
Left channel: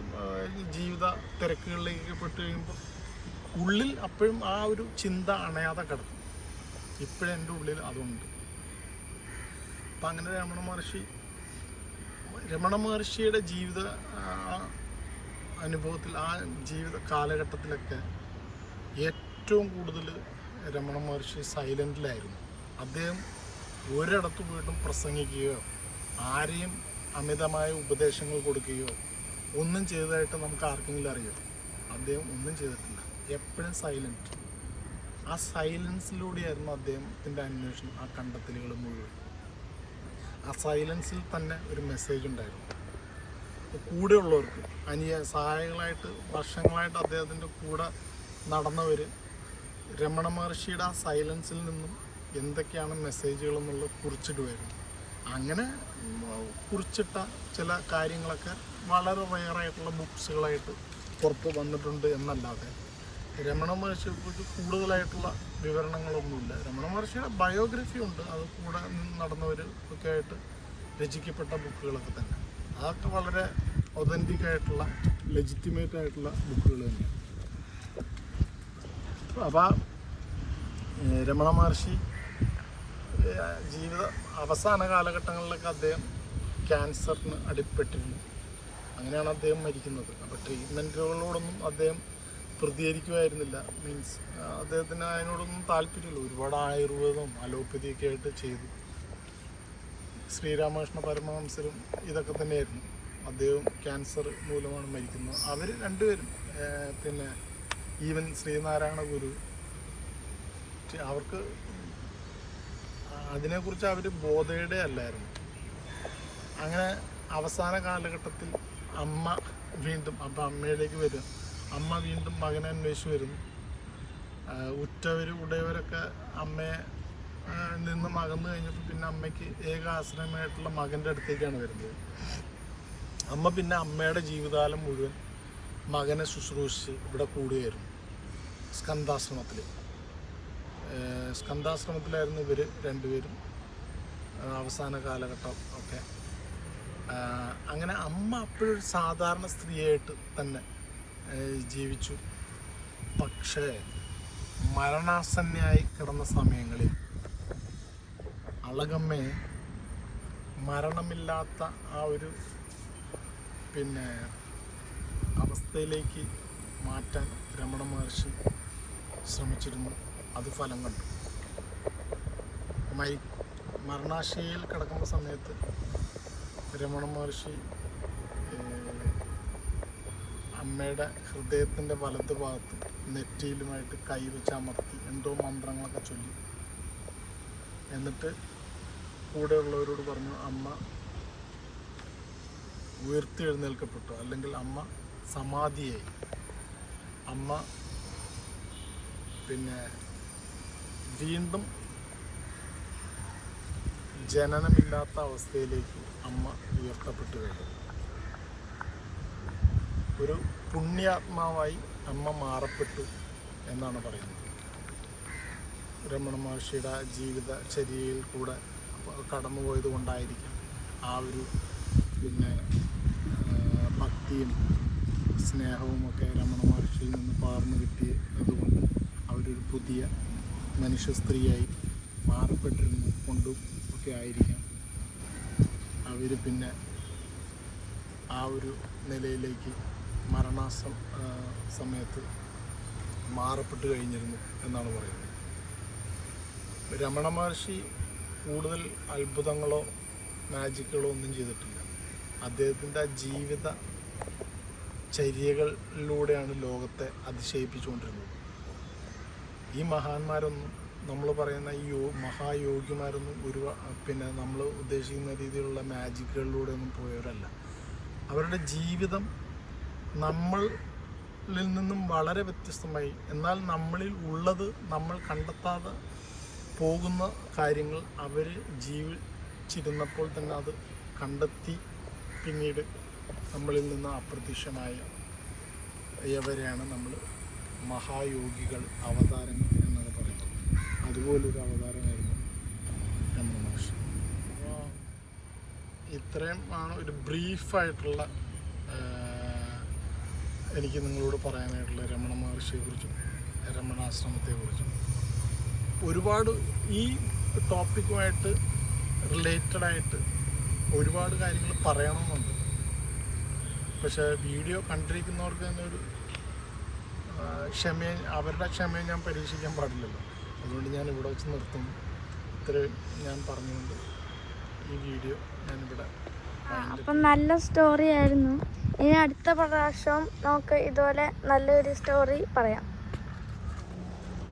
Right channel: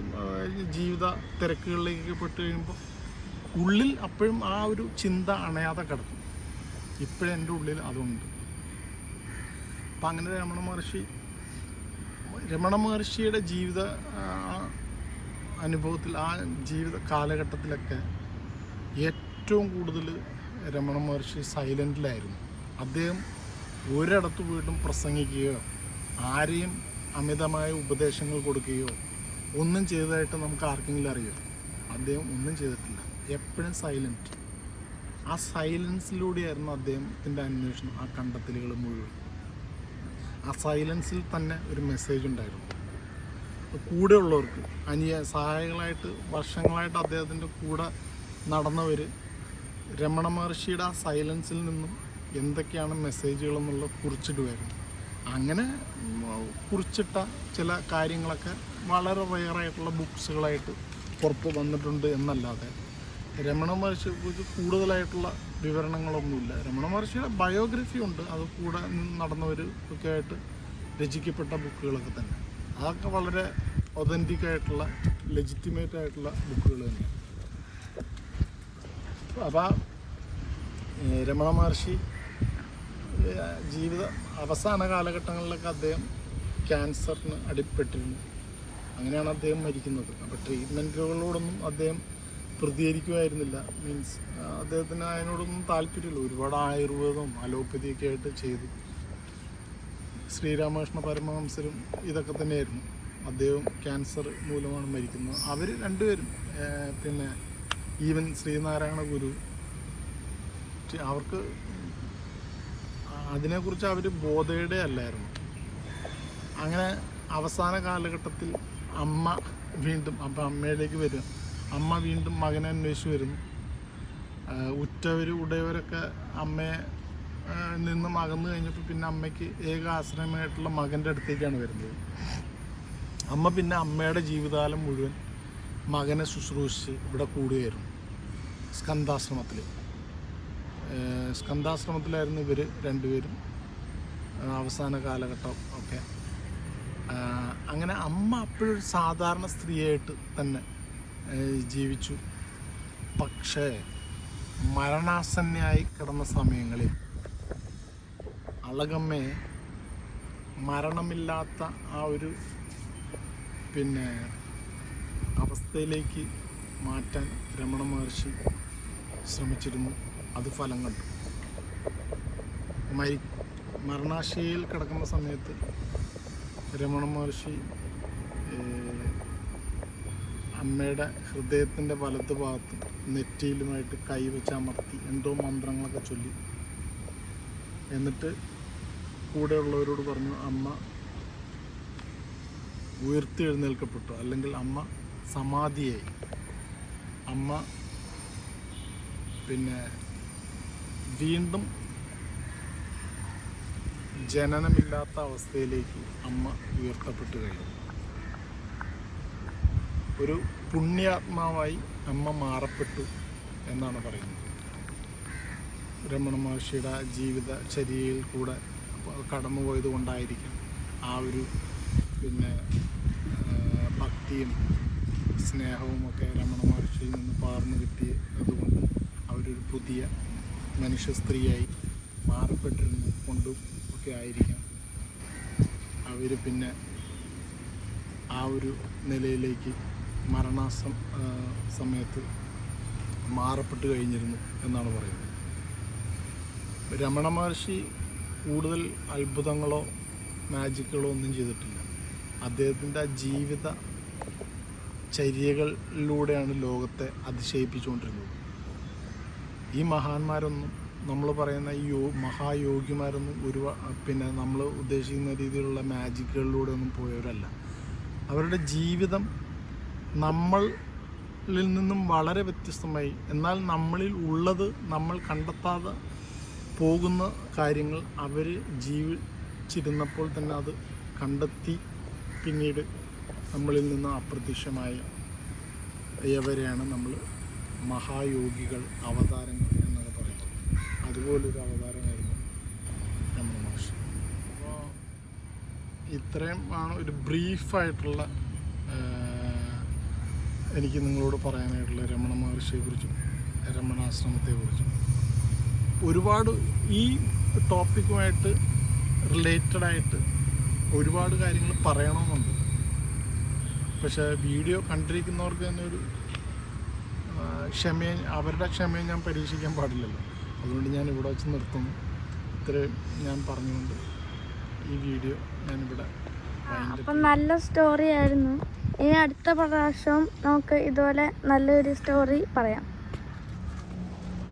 ജീവിത തിരക്കുകളിലേക്ക് പെട്ട് കഴിയുമ്പോൾ ഉള്ളിൽ അപ്പോഴും ആ ഒരു ചിന്ത അണയാതെ കിടക്കും. ഇപ്പോഴും എൻ്റെ ഉള്ളിൽ അതുണ്ട്. അപ്പം അങ്ങനെ രമണ മഹർഷിയുടെ ജീവിത അനുഭവത്തിൽ, ആ ജീവിത കാലഘട്ടത്തിലൊക്കെ ഏറ്റവും കൂടുതൽ രമണ മഹർഷി സൈലൻറ്റിലായിരുന്നു. അദ്ദേഹം ഒരിടത്ത് പോയിട്ടും പ്രസംഗിക്കുകയോ ആരെയും അമിതമായ ഉപദേശങ്ങൾ കൊടുക്കുകയോ ഒന്നും ചെയ്തതായിട്ട് നമുക്ക് ആർക്കെങ്കിലും അറിയാം. അദ്ദേഹം ഒന്നും ചെയ്തിട്ടില്ല. എപ്പോഴും സൈലൻറ്റ്. ആ സൈലൻസിലൂടെയായിരുന്നു അദ്ദേഹത്തിൻ്റെ അന്വേഷണം, ആ കണ്ടെത്തലുകൾ മുഴുവൻ. ആ സൈലൻസിൽ തന്നെ ഒരു മെസ്സേജ് ഉണ്ടായിരുന്നു. കൂടെ ഉള്ളവർക്ക്, സഹായികളായിട്ട് വർഷങ്ങളായിട്ട് അദ്ദേഹത്തിൻ്റെ കൂടെ നടന്നവർ രമണ മഹർഷിയുടെ ആ സൈലൻസിൽ നിന്നും എന്തൊക്കെയാണ് മെസ്സേജുകളെന്നുള്ള കുറിച്ചിടുമായിരുന്നു. അങ്ങനെ കുറിച്ചിട്ട ചില കാര്യങ്ങളൊക്കെ വളരെ റെയറായിട്ടുള്ള ബുക്സുകളായിട്ട് പുറത്ത് വന്നിട്ടുണ്ട് എന്നല്ലാതെ രമണ മഹർഷിയെക്കുറിച്ച് കൂടുതലായിട്ടുള്ള വിവരണങ്ങളൊന്നുമില്ല. രമണ മഹർഷിയുടെ ബയോഗ്രഫി ഉണ്ട്, അത് കൂടെ നടന്നവർ ഒക്കെ ആയിട്ട് രചിക്കപ്പെട്ട ബുക്കുകളൊക്കെ തന്നെ. അതൊക്കെ വളരെ ഒതൻറ്റിക് ആയിട്ടുള്ള, ലെജിറ്റിമേറ്റ് ആയിട്ടുള്ള ബുക്കുകൾ തന്നെയാണ്. അപ്പോൾ രമണ മഹർഷി ജീവിത അവസാന കാലഘട്ടങ്ങളിലൊക്കെ അദ്ദേഹം ക്യാൻസറിന് അടിപ്പെട്ടിരുന്നു. അങ്ങനെയാണ് അദ്ദേഹം മരിക്കുന്നത്. അപ്പോൾ ട്രീറ്റ്മെൻറ്റുകളോടൊന്നും അദ്ദേഹം പ്രതികരിക്കുമായിരുന്നില്ല. മീൻസ് അദ്ദേഹത്തിന് അതിനോടൊന്നും താല്പര്യമില്ല. ഒരുപാട് ആയുർവേദവും അലോപ്പതിയൊക്കെ ആയിട്ട് ചെയ്തു. ശ്രീരാമകൃഷ്ണ പരമഹംസരും ഇതൊക്കെ തന്നെയായിരുന്നു. അദ്ദേഹം ക്യാൻസർ മൂലമാണ് മരിക്കുന്നത്. അവർ രണ്ടുപേരും പിന്നെ ഈവൻ ശ്രീനാരായണ ഗുരു അവർക്ക് അതിനെക്കുറിച്ച് അവർ ബോധയുടെ അല്ലായിരുന്നു. അങ്ങനെ അവസാന കാലഘട്ടത്തിൽ അമ്മ വീണ്ടും അപ്പം അമ്മയിലേക്ക് വരിക. അമ്മ വീണ്ടും മകനെ അന്വേഷിച്ച് വരുന്നു. ഉറ്റവരൊക്കെ അമ്മയെ നിന്ന് അകന്നു കഴിഞ്ഞപ്പോൾ പിന്നെ അമ്മയ്ക്ക് ഏക ആശ്രയമായിട്ടുള്ള മകൻ്റെ അടുത്തേക്കാണ് വരുന്നത്. അമ്മ പിന്നെ അമ്മയുടെ ജീവിതകാലം മുഴുവൻ മകനെ ശുശ്രൂഷിച്ച് ഇവിടെ കൂടുകയായിരുന്നു. സ്കന്ധാശ്രമത്തിലായിരുന്നു ഇവർ രണ്ടുപേരും അവസാന കാലഘട്ടം ഒക്കെ. അങ്ങനെ അമ്മ അപ്പോഴൊരു സാധാരണ സ്ത്രീയായിട്ട് തന്നെ ജീവിച്ചു. പക്ഷേ മരണാസന്നയായി കിടന്ന സമയങ്ങളിൽ അളകമ്മയെ മരണമില്ലാത്ത ആ ഒരു പിന്നെ അവസ്ഥയിലേക്ക് മാറ്റാൻ രമണ മഹർഷി ശ്രമിച്ചിരുന്നു. അത് ഫലം കണ്ടു. മരണാശയിൽ കിടക്കുന്ന സമയത്ത് രമണ മഹർഷി അമ്മയുടെ ഹൃദയത്തിൻ്റെ വലത്ത് ഭാഗത്ത് നെറ്റിയിലുമായിട്ട് കൈവച്ച് അമർത്തി എന്തോ മന്ത്രങ്ങളൊക്കെ ചൊല്ലി. എന്നിട്ട് കൂടെയുള്ളവരോട് പറഞ്ഞു, അമ്മ ഉയർത്തെഴുന്നേൽക്കപ്പെട്ടു, അല്ലെങ്കിൽ അമ്മ സമാധിയായി. അമ്മ പിന്നെ വീണ്ടും ജനനമില്ലാത്ത അവസ്ഥയിലേക്ക് അമ്മ ഉയർത്തപ്പെട്ടു കഴിഞ്ഞു. ഒരു പുണ്യാത്മാവായി അമ്മ മാറപ്പെട്ടു എന്നാണ് പറയുന്നത്. രമണ മഹർഷിയുടെ ജീവിതചര്യയിൽ കൂടെ കടന്നുപോയത് കൊണ്ടായിരിക്കാം ആ ഒരു പിന്നെ ഭക്തിയും സ്നേഹവും ഒക്കെ രമണ മഹർഷിയിൽ നിന്ന് പകർന്നു കിട്ടിയതുകൊണ്ട് അവരൊരു പുതിയ മനുഷ്യ സ്ത്രീയായി മാറപ്പെട്ടിരുന്നു കൊണ്ടും ഒക്കെ ആയിരിക്കാം അവർ പിന്നെ ആ ഒരു നിലയിലേക്ക് സമയത്ത് മാറപ്പെട്ട് കഴിഞ്ഞിരുന്നു എന്നാണ് പറയുന്നത്. രമണ മഹർഷി കൂടുതൽ അത്ഭുതങ്ങളോ മാജിക്കുകളോ ഒന്നും ചെയ്തിട്ടില്ല. അദ്ദേഹത്തിൻ്റെ ജീവിത ചര്യകളിലൂടെയാണ് ലോകത്തെ അതിശയിപ്പിച്ചുകൊണ്ടിരുന്നത്. ഈ മഹാന്മാരൊന്നും നമ്മൾ പറയുന്ന ഈ മഹായോഗിമാരൊന്നും പിന്നെ നമ്മൾ ഉദ്ദേശിക്കുന്ന രീതിയിലുള്ള മാജിക്കുകളിലൂടെ ഒന്നും പോയവരല്ല. അവരുടെ ജീവിതം നമ്മളിൽ നിന്നും വളരെ വ്യത്യസ്തമായി, എന്നാൽ നമ്മളിൽ ഉള്ളത് നമ്മൾ കണ്ടെത്താതെ പോകുന്ന കാര്യങ്ങൾ അവർ ജീവിച്ചിരുന്നപ്പോൾ തന്നെ അത് കണ്ടെത്തി പിന്നീട് നമ്മളിൽ നിന്ന് അപ്രത്യക്ഷമായവരെയാണ് നമ്മൾ മഹായോഗികൾ, അവതാരങ്ങൾ എന്നൊക്കെ പറയുന്നത്. അതുപോലൊരു അവതാരമായിരുന്നു രമണ മഹർഷി. ഇത്രയും ആണ് ഒരു ബ്രീഫായിട്ടുള്ള എനിക്ക് നിങ്ങളോട് പറയാനായിട്ടുള്ള രമണ മഹർഷിയെക്കുറിച്ചും രമണാശ്രമത്തെക്കുറിച്ചും. ഒരുപാട് ഈ ടോപ്പിക്കുമായിട്ട് റിലേറ്റഡായിട്ട് ഒരുപാട് കാര്യങ്ങൾ പറയണമെന്നുണ്ട്. പക്ഷേ വീഡിയോ കണ്ടിരിക്കുന്നവർക്ക് തന്നെ ഒരു അവരുടെ ക്ഷമയെ ഞാൻ പരീക്ഷിക്കാൻ പാടില്ലല്ലോ. അതുകൊണ്ട് ഞാൻ ഇവിടെ വെച്ച് നിർത്തുന്നു. ഇത്രയും ഞാൻ പറഞ്ഞുകൊണ്ട് ഈ വീഡിയോ ഞാനിവിടെ. അപ്പം നല്ല സ്റ്റോറി ആയിരുന്നു. ഇനി അടുത്ത പ്രാവശ്യം നമുക്ക് ഇതുപോലെ നല്ലൊരു സ്റ്റോറി പറയാം.